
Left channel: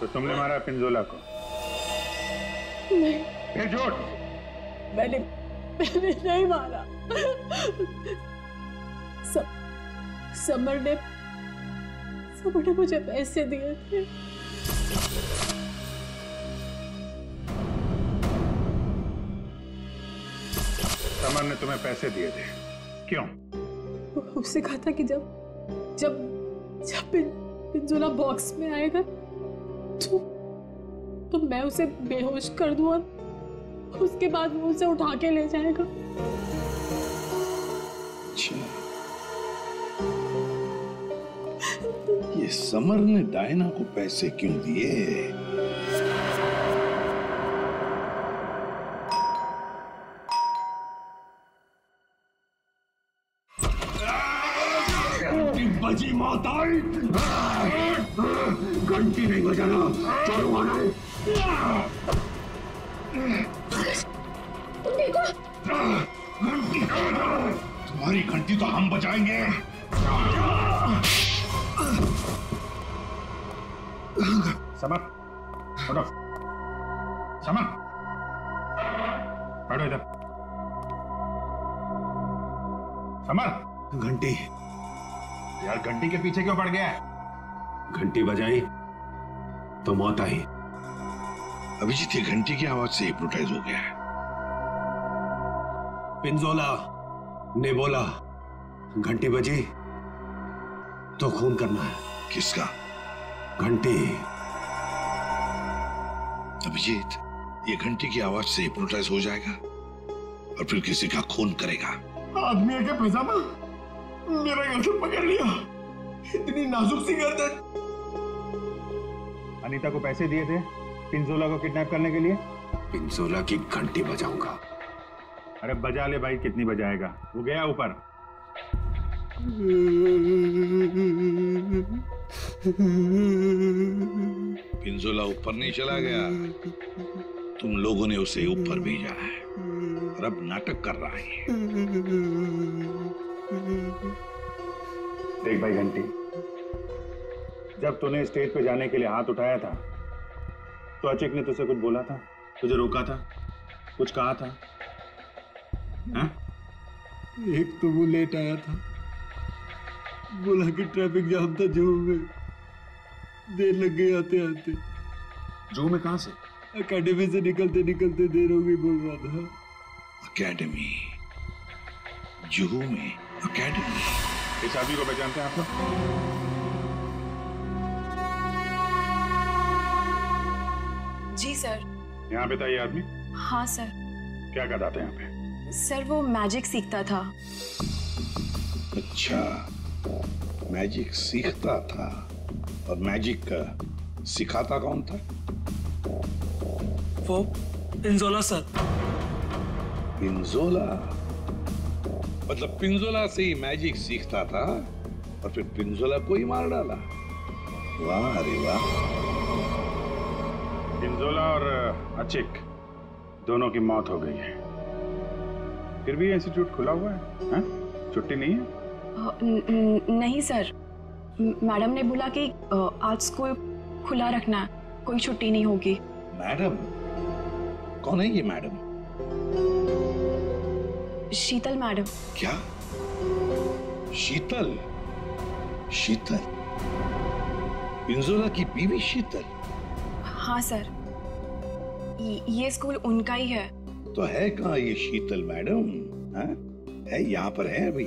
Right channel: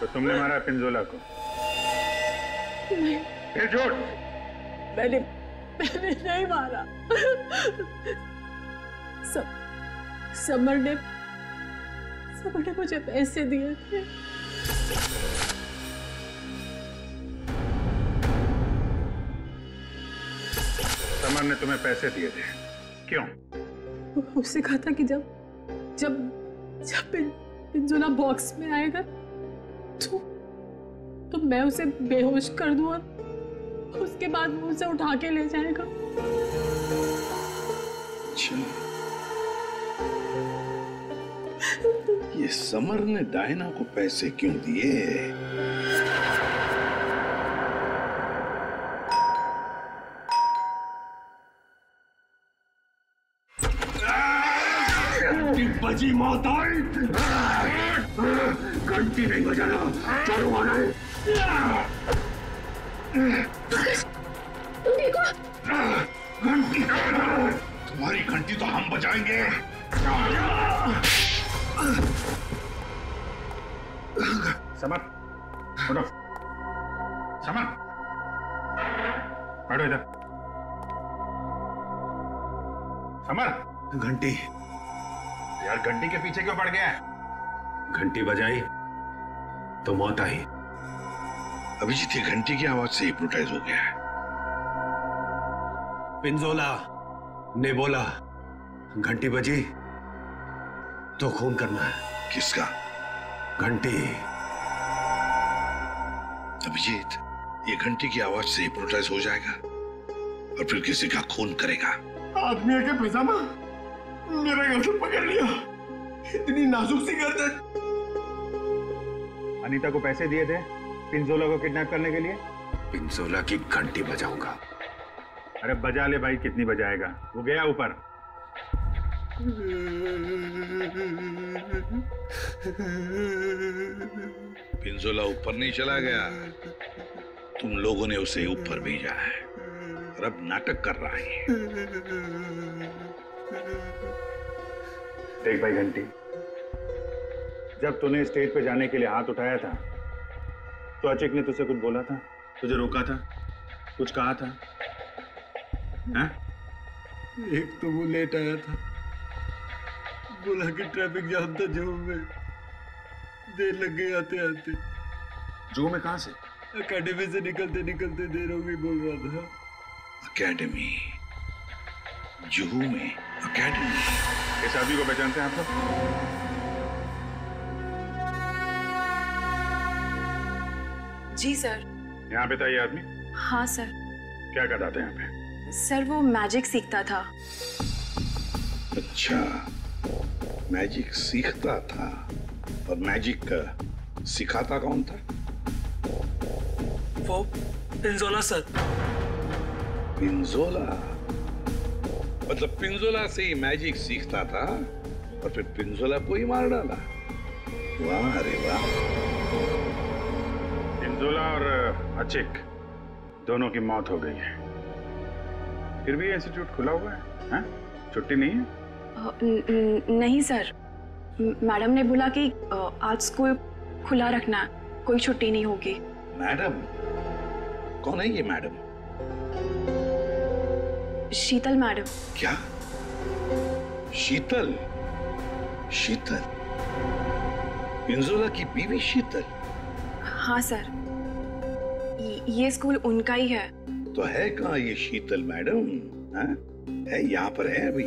तो तुमने मारा पिंजोला को? नहीं। फिर झूठ? मैंने नहीं मारा। समर ने मुझे पैसे दिए थे। समर ने तुम्हें पैसे दिए थे? क्यों? उससे कहा था कि जब पिंजोला बॉक्स में आएगा तो मैं उसे बेहोश कर दूं और उसके बाद वो उसे उठा के ले जाएगा। अच्छा, ये समर ने डायना को पैसे क्यों दिए? बजी मौत आई। घंटी नहीं बजाना, चोरू आना है। तुम देखो, घंटी तुम्हारी घंटी तो हम बजाएंगे। समर, उठो। समर, बैठो इधर। समर, घंटी। यार घंटी के पीछे क्यों पड़ गया है? घंटी बजाई तो मौत आई। अभिजीत ये घंटी की आवाज से हिप्नोटाइज हो गया है। पिंजोला ने बोला घंटी बजी तो खून करना है। किसका? घंटी। अभिजीत ये घंटी की आवाज से हिप्नोटाइज हो जाएगा और फिर किसी का खून करेगा। आदमी के पैजामा मेरा गर्दन पकड़ लिया। इतनी नाजुक सी गर्दन। अनीता को पैसे दिए थे पिंजोला को किडनैप करने के लिए? पिंजोला की घंटी बजाऊंगा। अरे बजा ले भाई, कितनी बजाएगा? वो गया ऊपर। पिंजोला ऊपर नहीं चला गया, तुम लोगों ने उसे ऊपर भेजा है और अब नाटक कर रहा है। देख भाई घंटी, जब तूने स्टेज पे जाने के लिए हाथ उठाया था तो अचिक ने तुझसे कुछ बोला था? तुझे रोका था? कुछ कहा था? हाँ? एक तो वो लेट आया था, बोला कि ट्रैफिक जाम था जू में, देर लग गई आते आते। जू में कहां से? अकेडमी से निकलते निकलते देर हो गई बोल रहा था। अकेडमी? जुहू में अकेडमी? इस आदमी को पहचानते हैं आप लोग? जी सर। यहाँ पे था ये आदमी? हाँ सर। क्या करता था यहाँ पे? सर वो मैजिक सीखता था। अच्छा, मैजिक सीखता था। और मैजिक सिखाता कौन था? वो पिंजोला सर। पिंजोला? मतलब पिंजोला से ही मैजिक सीखता था और फिर पिंजोला को ही मार डाला। वाह अरे वाह। पिंजोला और अचिक दोनों की मौत हो गई है, फिर भी इंस्टीट्यूट खुला हुआ है, हैं? छुट्टी नहीं है? नहीं सर, मैडम ने बोला कि आज स्कूल खुला रखना है, कोई छुट्टी नहीं होगी। मैडम? कौन है ये मैडम? शीतल मैडम। क्या? शीतल? शीतल? पिंजोला की बीवी शीतल? हाँ सर, ये स्कूल उनका ही है। तो है कहाँ ये शीतल मैडम? है यहाँ पर है अभी?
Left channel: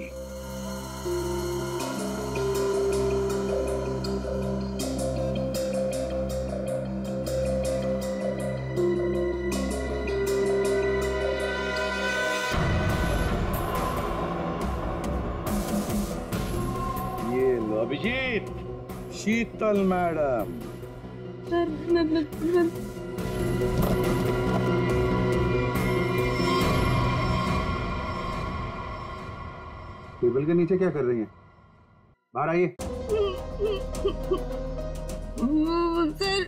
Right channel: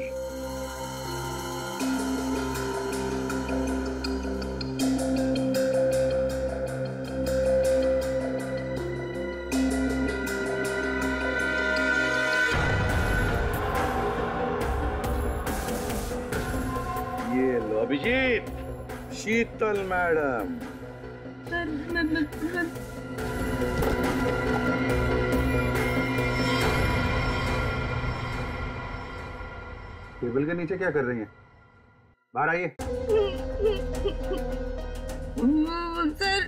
ये लो अभिजीत, शीतल मैडम। सर टेबल के नीचे क्या कर रही हैं? बाहर आइए। सर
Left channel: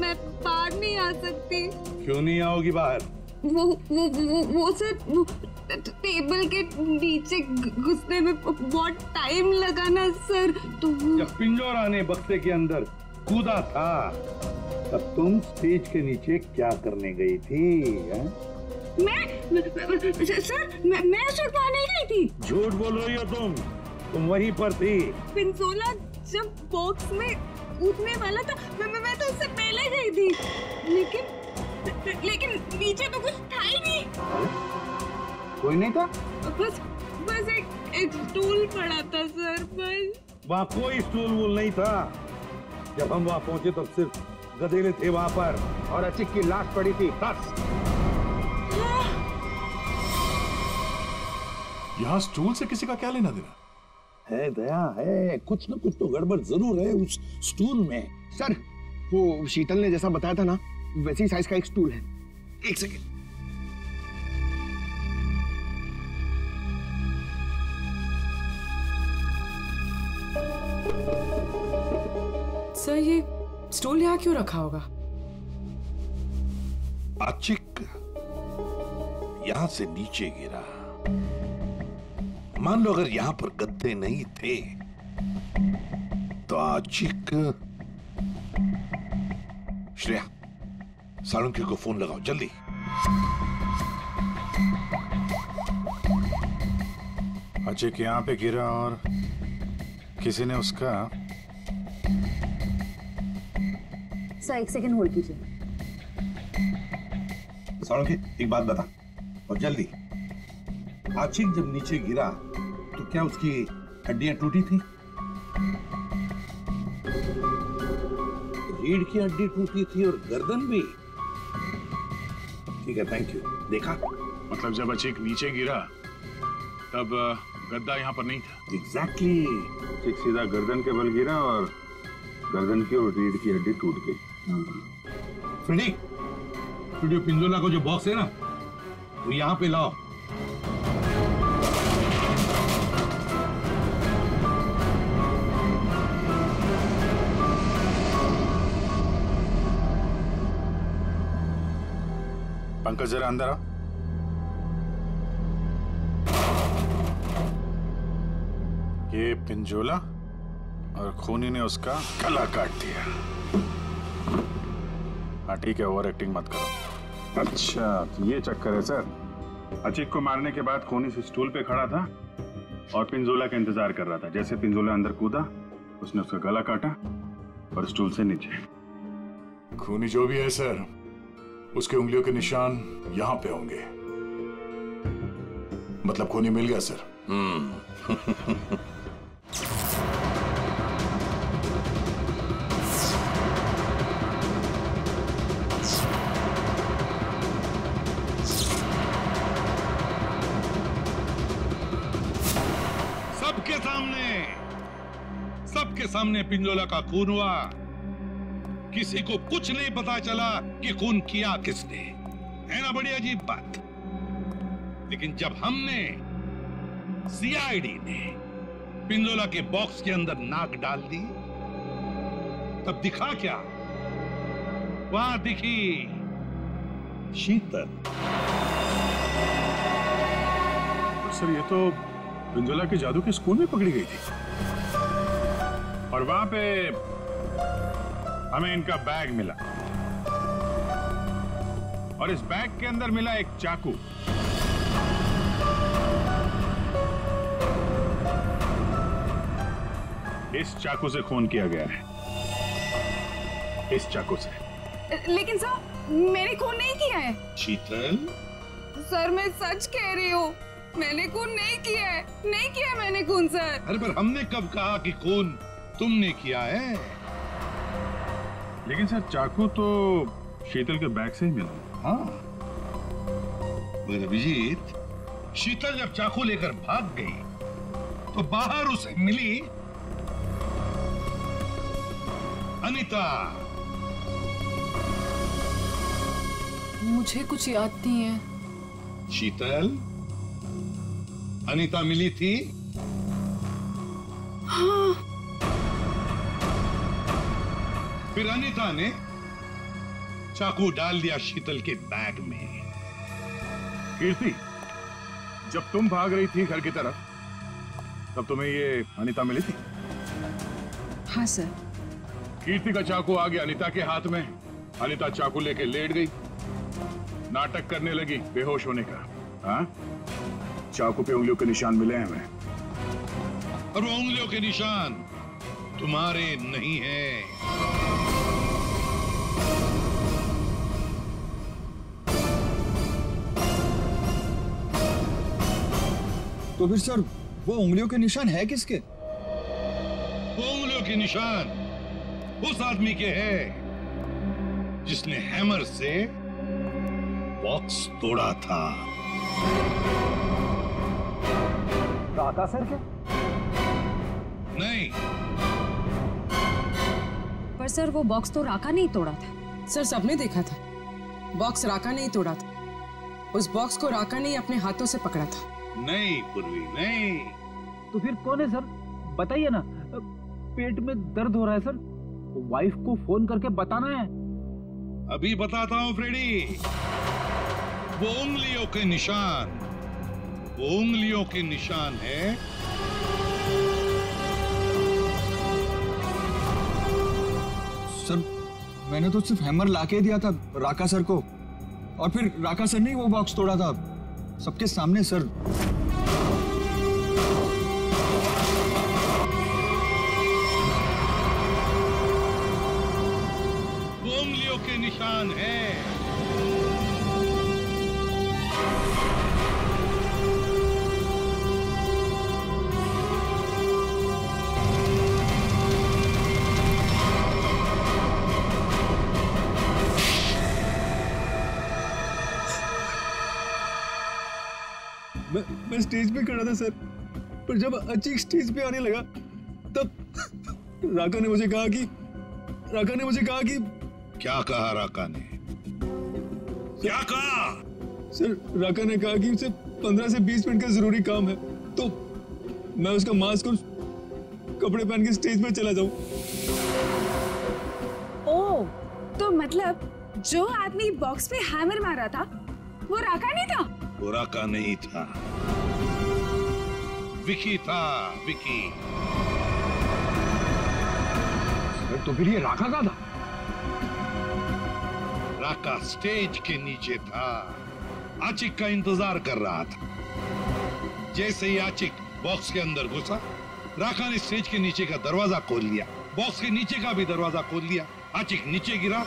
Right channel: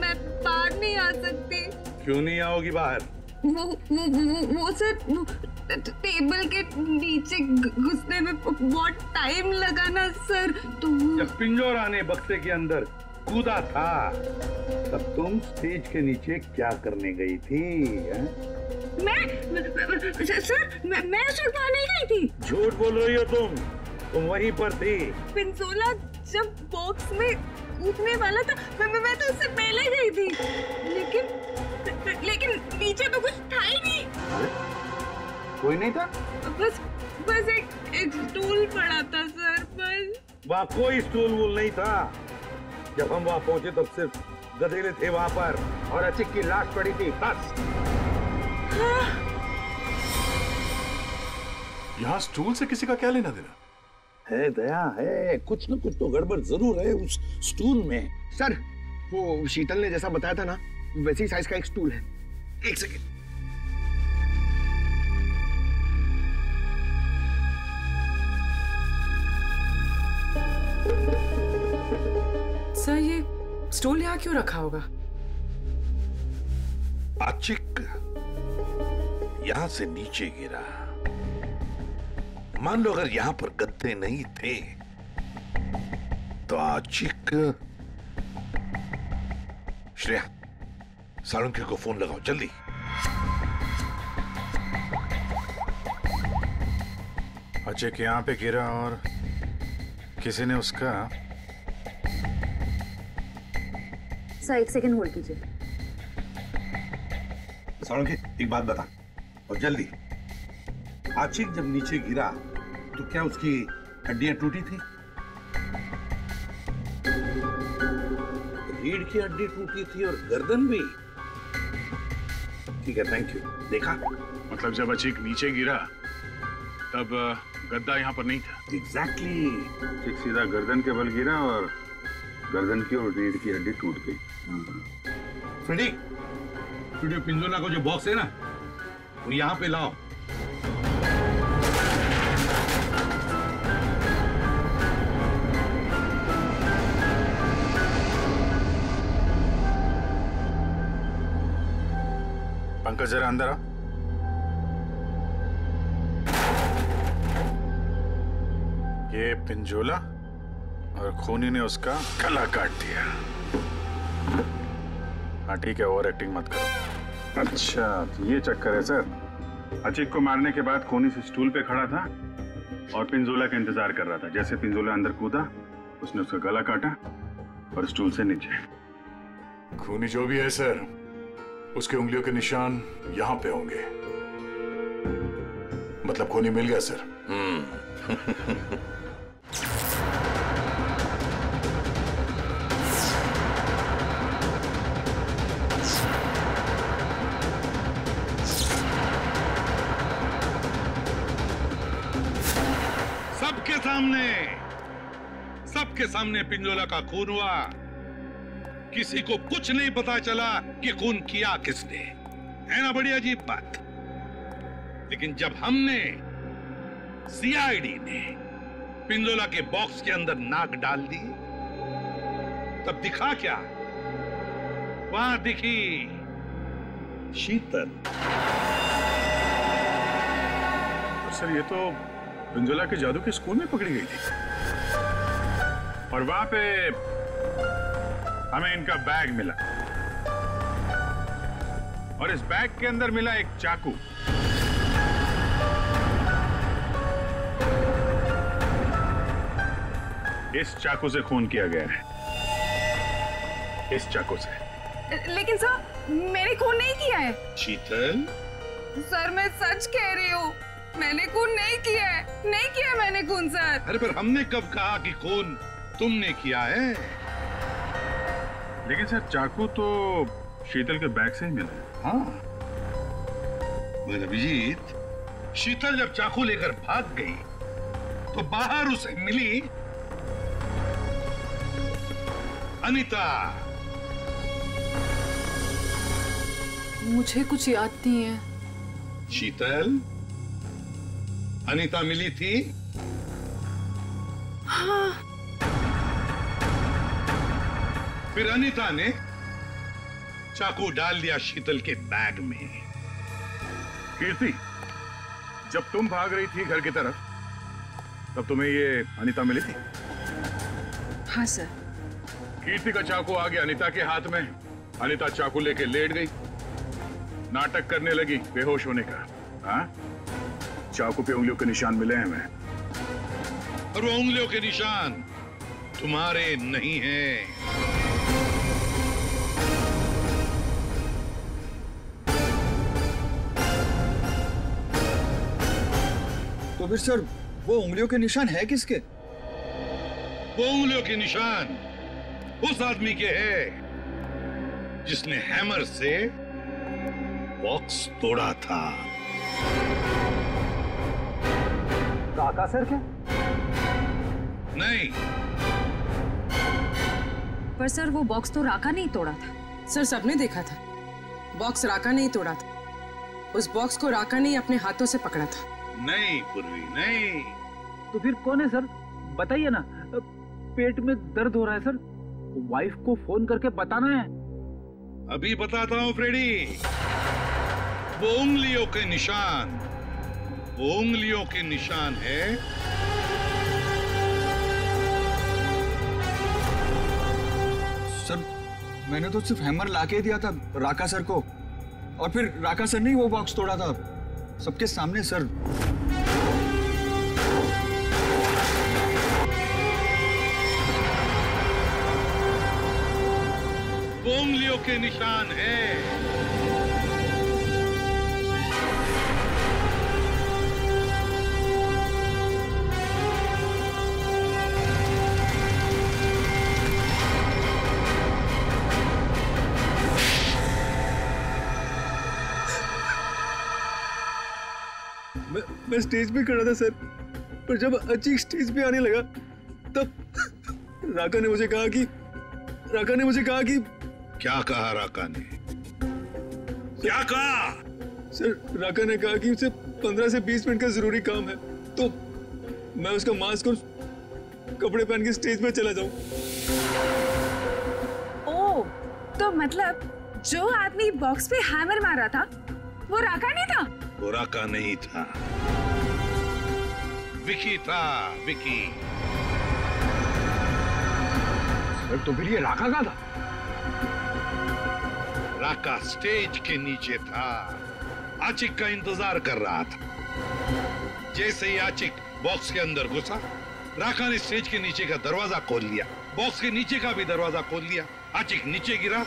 मैं बाहर नहीं आ सकती। क्यों नहीं आओगी बाहर? वो सर टेबल के नीचे घुसने में बहुत टाइम लगा ना सर, तो जब पिंजोरा ने बक्से के अंदर कूदा था तब तुम स्टेज के नीचे क्या करने गई थी? मैं उस वक्त वहाँ नहीं गई थी। झूठ बोल रही हो तुम वहीं पर थी। पिंजोला जब बॉक्स में कूदने वाला था मैं तो उससे पहले गई थी, लेकिन नीचे तो कुछ था ही नहीं। अरे कोई नहीं था? बस एक स्टूल पड़ा था सर, बस। वहाँ कोई स्टूल वूल नहीं था। जब हम वहाँ पहुंचे तब सिर्फ गधेले थे वहाँ पर और अचिक की लाश पड़ी थी, बस। यहाँ स्टूल से किसी का क्या लेना देना? है दया, है कुछ न कुछ तो गड़बड़ जरूर है उस स्टूल में। सर वो शीतल ने जैसा बताया था ना, वैसी साइज का एक स्टूल है। एक सेकेंड। सर ये स्टूल यहाँ क्यों रखा होगा? अचिक यहाँ से नीचे गिरा मान लो अगर यहां पर गद्दे नहीं थे तो आचिक। श्रेया, सालुंके को फोन लगाओ जल्दी। अचिक यहाँ पे गिरा और किसी ने उसका। सर 1 सेकंड होल्ड कीजिए। सालुंके, एक बात बता और जल्दी। आचिक जब नीचे गिरा तो क्या उसकी हड्डियां टूटी थी? रीढ़ की हड्डी टूटी थी और गर्दन भी। ठीक है, थैंक यू। देखा? मतलब जब अचिक नीचे गिरा तब गद्दा यहाँ पर नहीं था। एग्जैक्टली। अचिक सीधा गर्दन के बल गिरा और गर्दन की और रीढ़ की हड्डी टूट गई। फ्रेडी, स्टूडियो पिंजोला को जो बॉक्स है ना, वो यहाँ पे लाओ। पंकज जरा अंदर आओ। ये पिंजोला और खूनी ने उसका गला काट दिया। हाँ ठीक है, ओवर एक्टिंग मत करो। अच्छा तो ये चक्कर है सर। अचिक को मारने के बाद खूनी से स्टूल पे खड़ा था और पिंजोला का इंतजार कर रहा था। जैसे पिंजोला अंदर कूदा, उसने उसका गला काटा और स्टूल से नीचे। खूनी जो भी है सर, उसके उंगलियों के निशान यहां पे होंगे। मतलब खूनी मिल गया सर। सबके सामने पिंजोला का खून हुआ। किसी को कुछ नहीं पता चला कि खून किया किसने। है ना बड़ी अजीब बात। लेकिन जब हमने सीआईडी ने पिंजोला के बॉक्स के अंदर नाक डाल दी, तब दिखा क्या? वहां दिखी शीतल। सर ये तो पिंजोला के जादू के स्कूल में पकड़ी गई थी और वहां पे हमें इनका बैग मिला और इस बैग के अंदर मिला एक चाकू। इस चाकू से खून किया गया है। इस चाकू से। लेकिन सर मैंने खून नहीं किया है। शीतल, सर मैं सच कह रही हूँ, मैंने खून नहीं किया है। नहीं किया मैंने खून सर। अरे पर हमने कब कहा कि खून तुमने किया है? लेकिन सर चाकू तो शीतल के बैग से ही मिला है। हाँ मगर अभिजीत, शीतल जब चाकू लेकर भाग गई तो बाहर उसे मिली अनीता। मुझे कुछ याद नहीं है। शीतल, अनीता मिली थी? हाँ। फिर अनीता ने चाकू डाल दिया शीतल के बैग में। कीर्ति, जब तुम भाग रही थी घर की तरफ, तब तुम्हें ये अनीता मिली थी? हाँ सर। कीर्ति का चाकू आ गया अनीता के हाथ में। अनीता चाकू लेके लेट गई, नाटक करने लगी बेहोश होने का। हाँ, चाकू पे उंगलियों के निशान मिले हैं हमें। और वो उंगलियों के निशान तुम्हारे नहीं हैं। तो फिर सर वो उंगलियों के निशान है किसके? वो उंगलियों के निशान उस आदमी के हैं जिसने हैमर से बॉक्स तोड़ा था। राका सर क्या? नहीं। पर सर वो बॉक्स तो राका नहीं तोड़ा था। सर सबने देखा था, बॉक्स राका नहीं तोड़ा था। उस बॉक्स को राका ने अपने हाथों से पकड़ा था। नहीं पूर्वी, नहीं। तो फिर कौन है सर? बताइए ना। पेट में दर्द हो रहा है सर, वाइफ को फोन करके बताना है। अभी बताता हूं फ्रेडी। वो उंगलियों के निशान वो उंगलियों के निशान है सर, मैंने तो सिर्फ हैमर लाके दिया था राका सर को, और फिर राका सर ने ही वो बॉक्स तोड़ा था सबके सामने सर। वो उंगलियों के निशान है। मैं स्टेज पे खड़ा था सर, पर जब अचीक स्टेज पे आने लगा तब राका ने मुझे कहा कि क्या कहा राका ने? क्या कहा? सर, राका ने कहा कि उसे 15 से 20 मिनट का जरूरी काम है, तो मैं उसका मास्क और कपड़े पहन के स्टेज पे चला जाऊं। ओह, तो मतलब जो आदमी बॉक्स पे हैमर मारा था वो राका नहीं था? वो राका नहीं था, विकी था, विकी। सर, तो फिर ये राका का था? राका स्टेज के नीचे था, आचिक का इंतजार कर रहा था। जैसे ही आचिक बॉक्स के अंदर घुसा, राका ने स्टेज के नीचे का दरवाजा खोल लिया, बॉक्स के नीचे का भी दरवाजा खोल लिया। आचिक नीचे गिरा,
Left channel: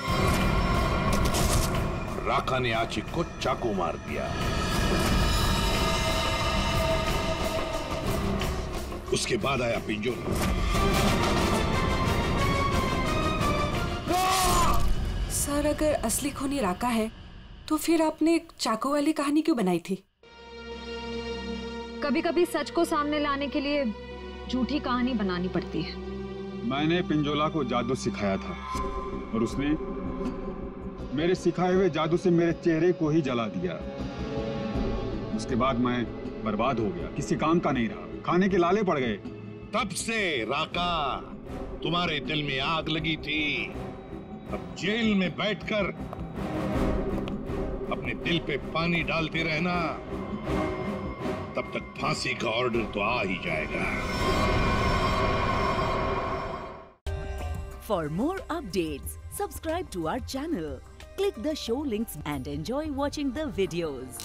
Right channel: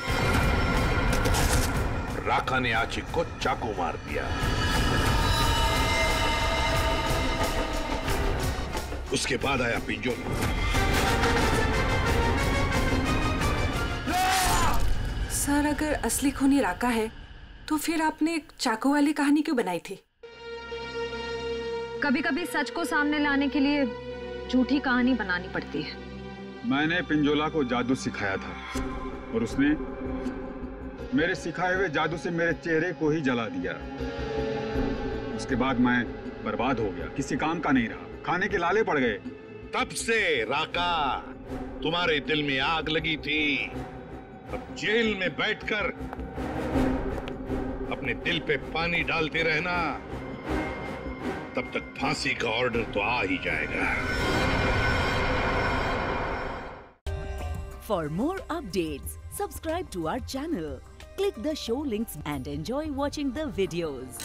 राका ने आचिक को चाकू मार दिया। उसके बाद आया पिंजोला। सर, अगर असली खूनी राका है तो फिर आपने एक चाकू वाली कहानी क्यों बनाई थी? कभी कभी सच को सामने लाने के लिए झूठी कहानी बनानी पड़ती है। मैंने पिंजोला को जादू सिखाया था और उसने मेरे सिखाए हुए जादू से मेरे चेहरे को ही जला दिया। उसके बाद मैं बर्बाद हो गया, किसी काम का नहीं रहा, खाने के लाले पड़ गए। तब से राका, तुम्हारे दिल में आग लगी थी। अब जेल में बैठकर अपने दिल पे पानी डालते रहना, तब तक फांसी का ऑर्डर तो आ ही जाएगा। For more updates, subscribe to our channel, click the show links and enjoy watching the videos.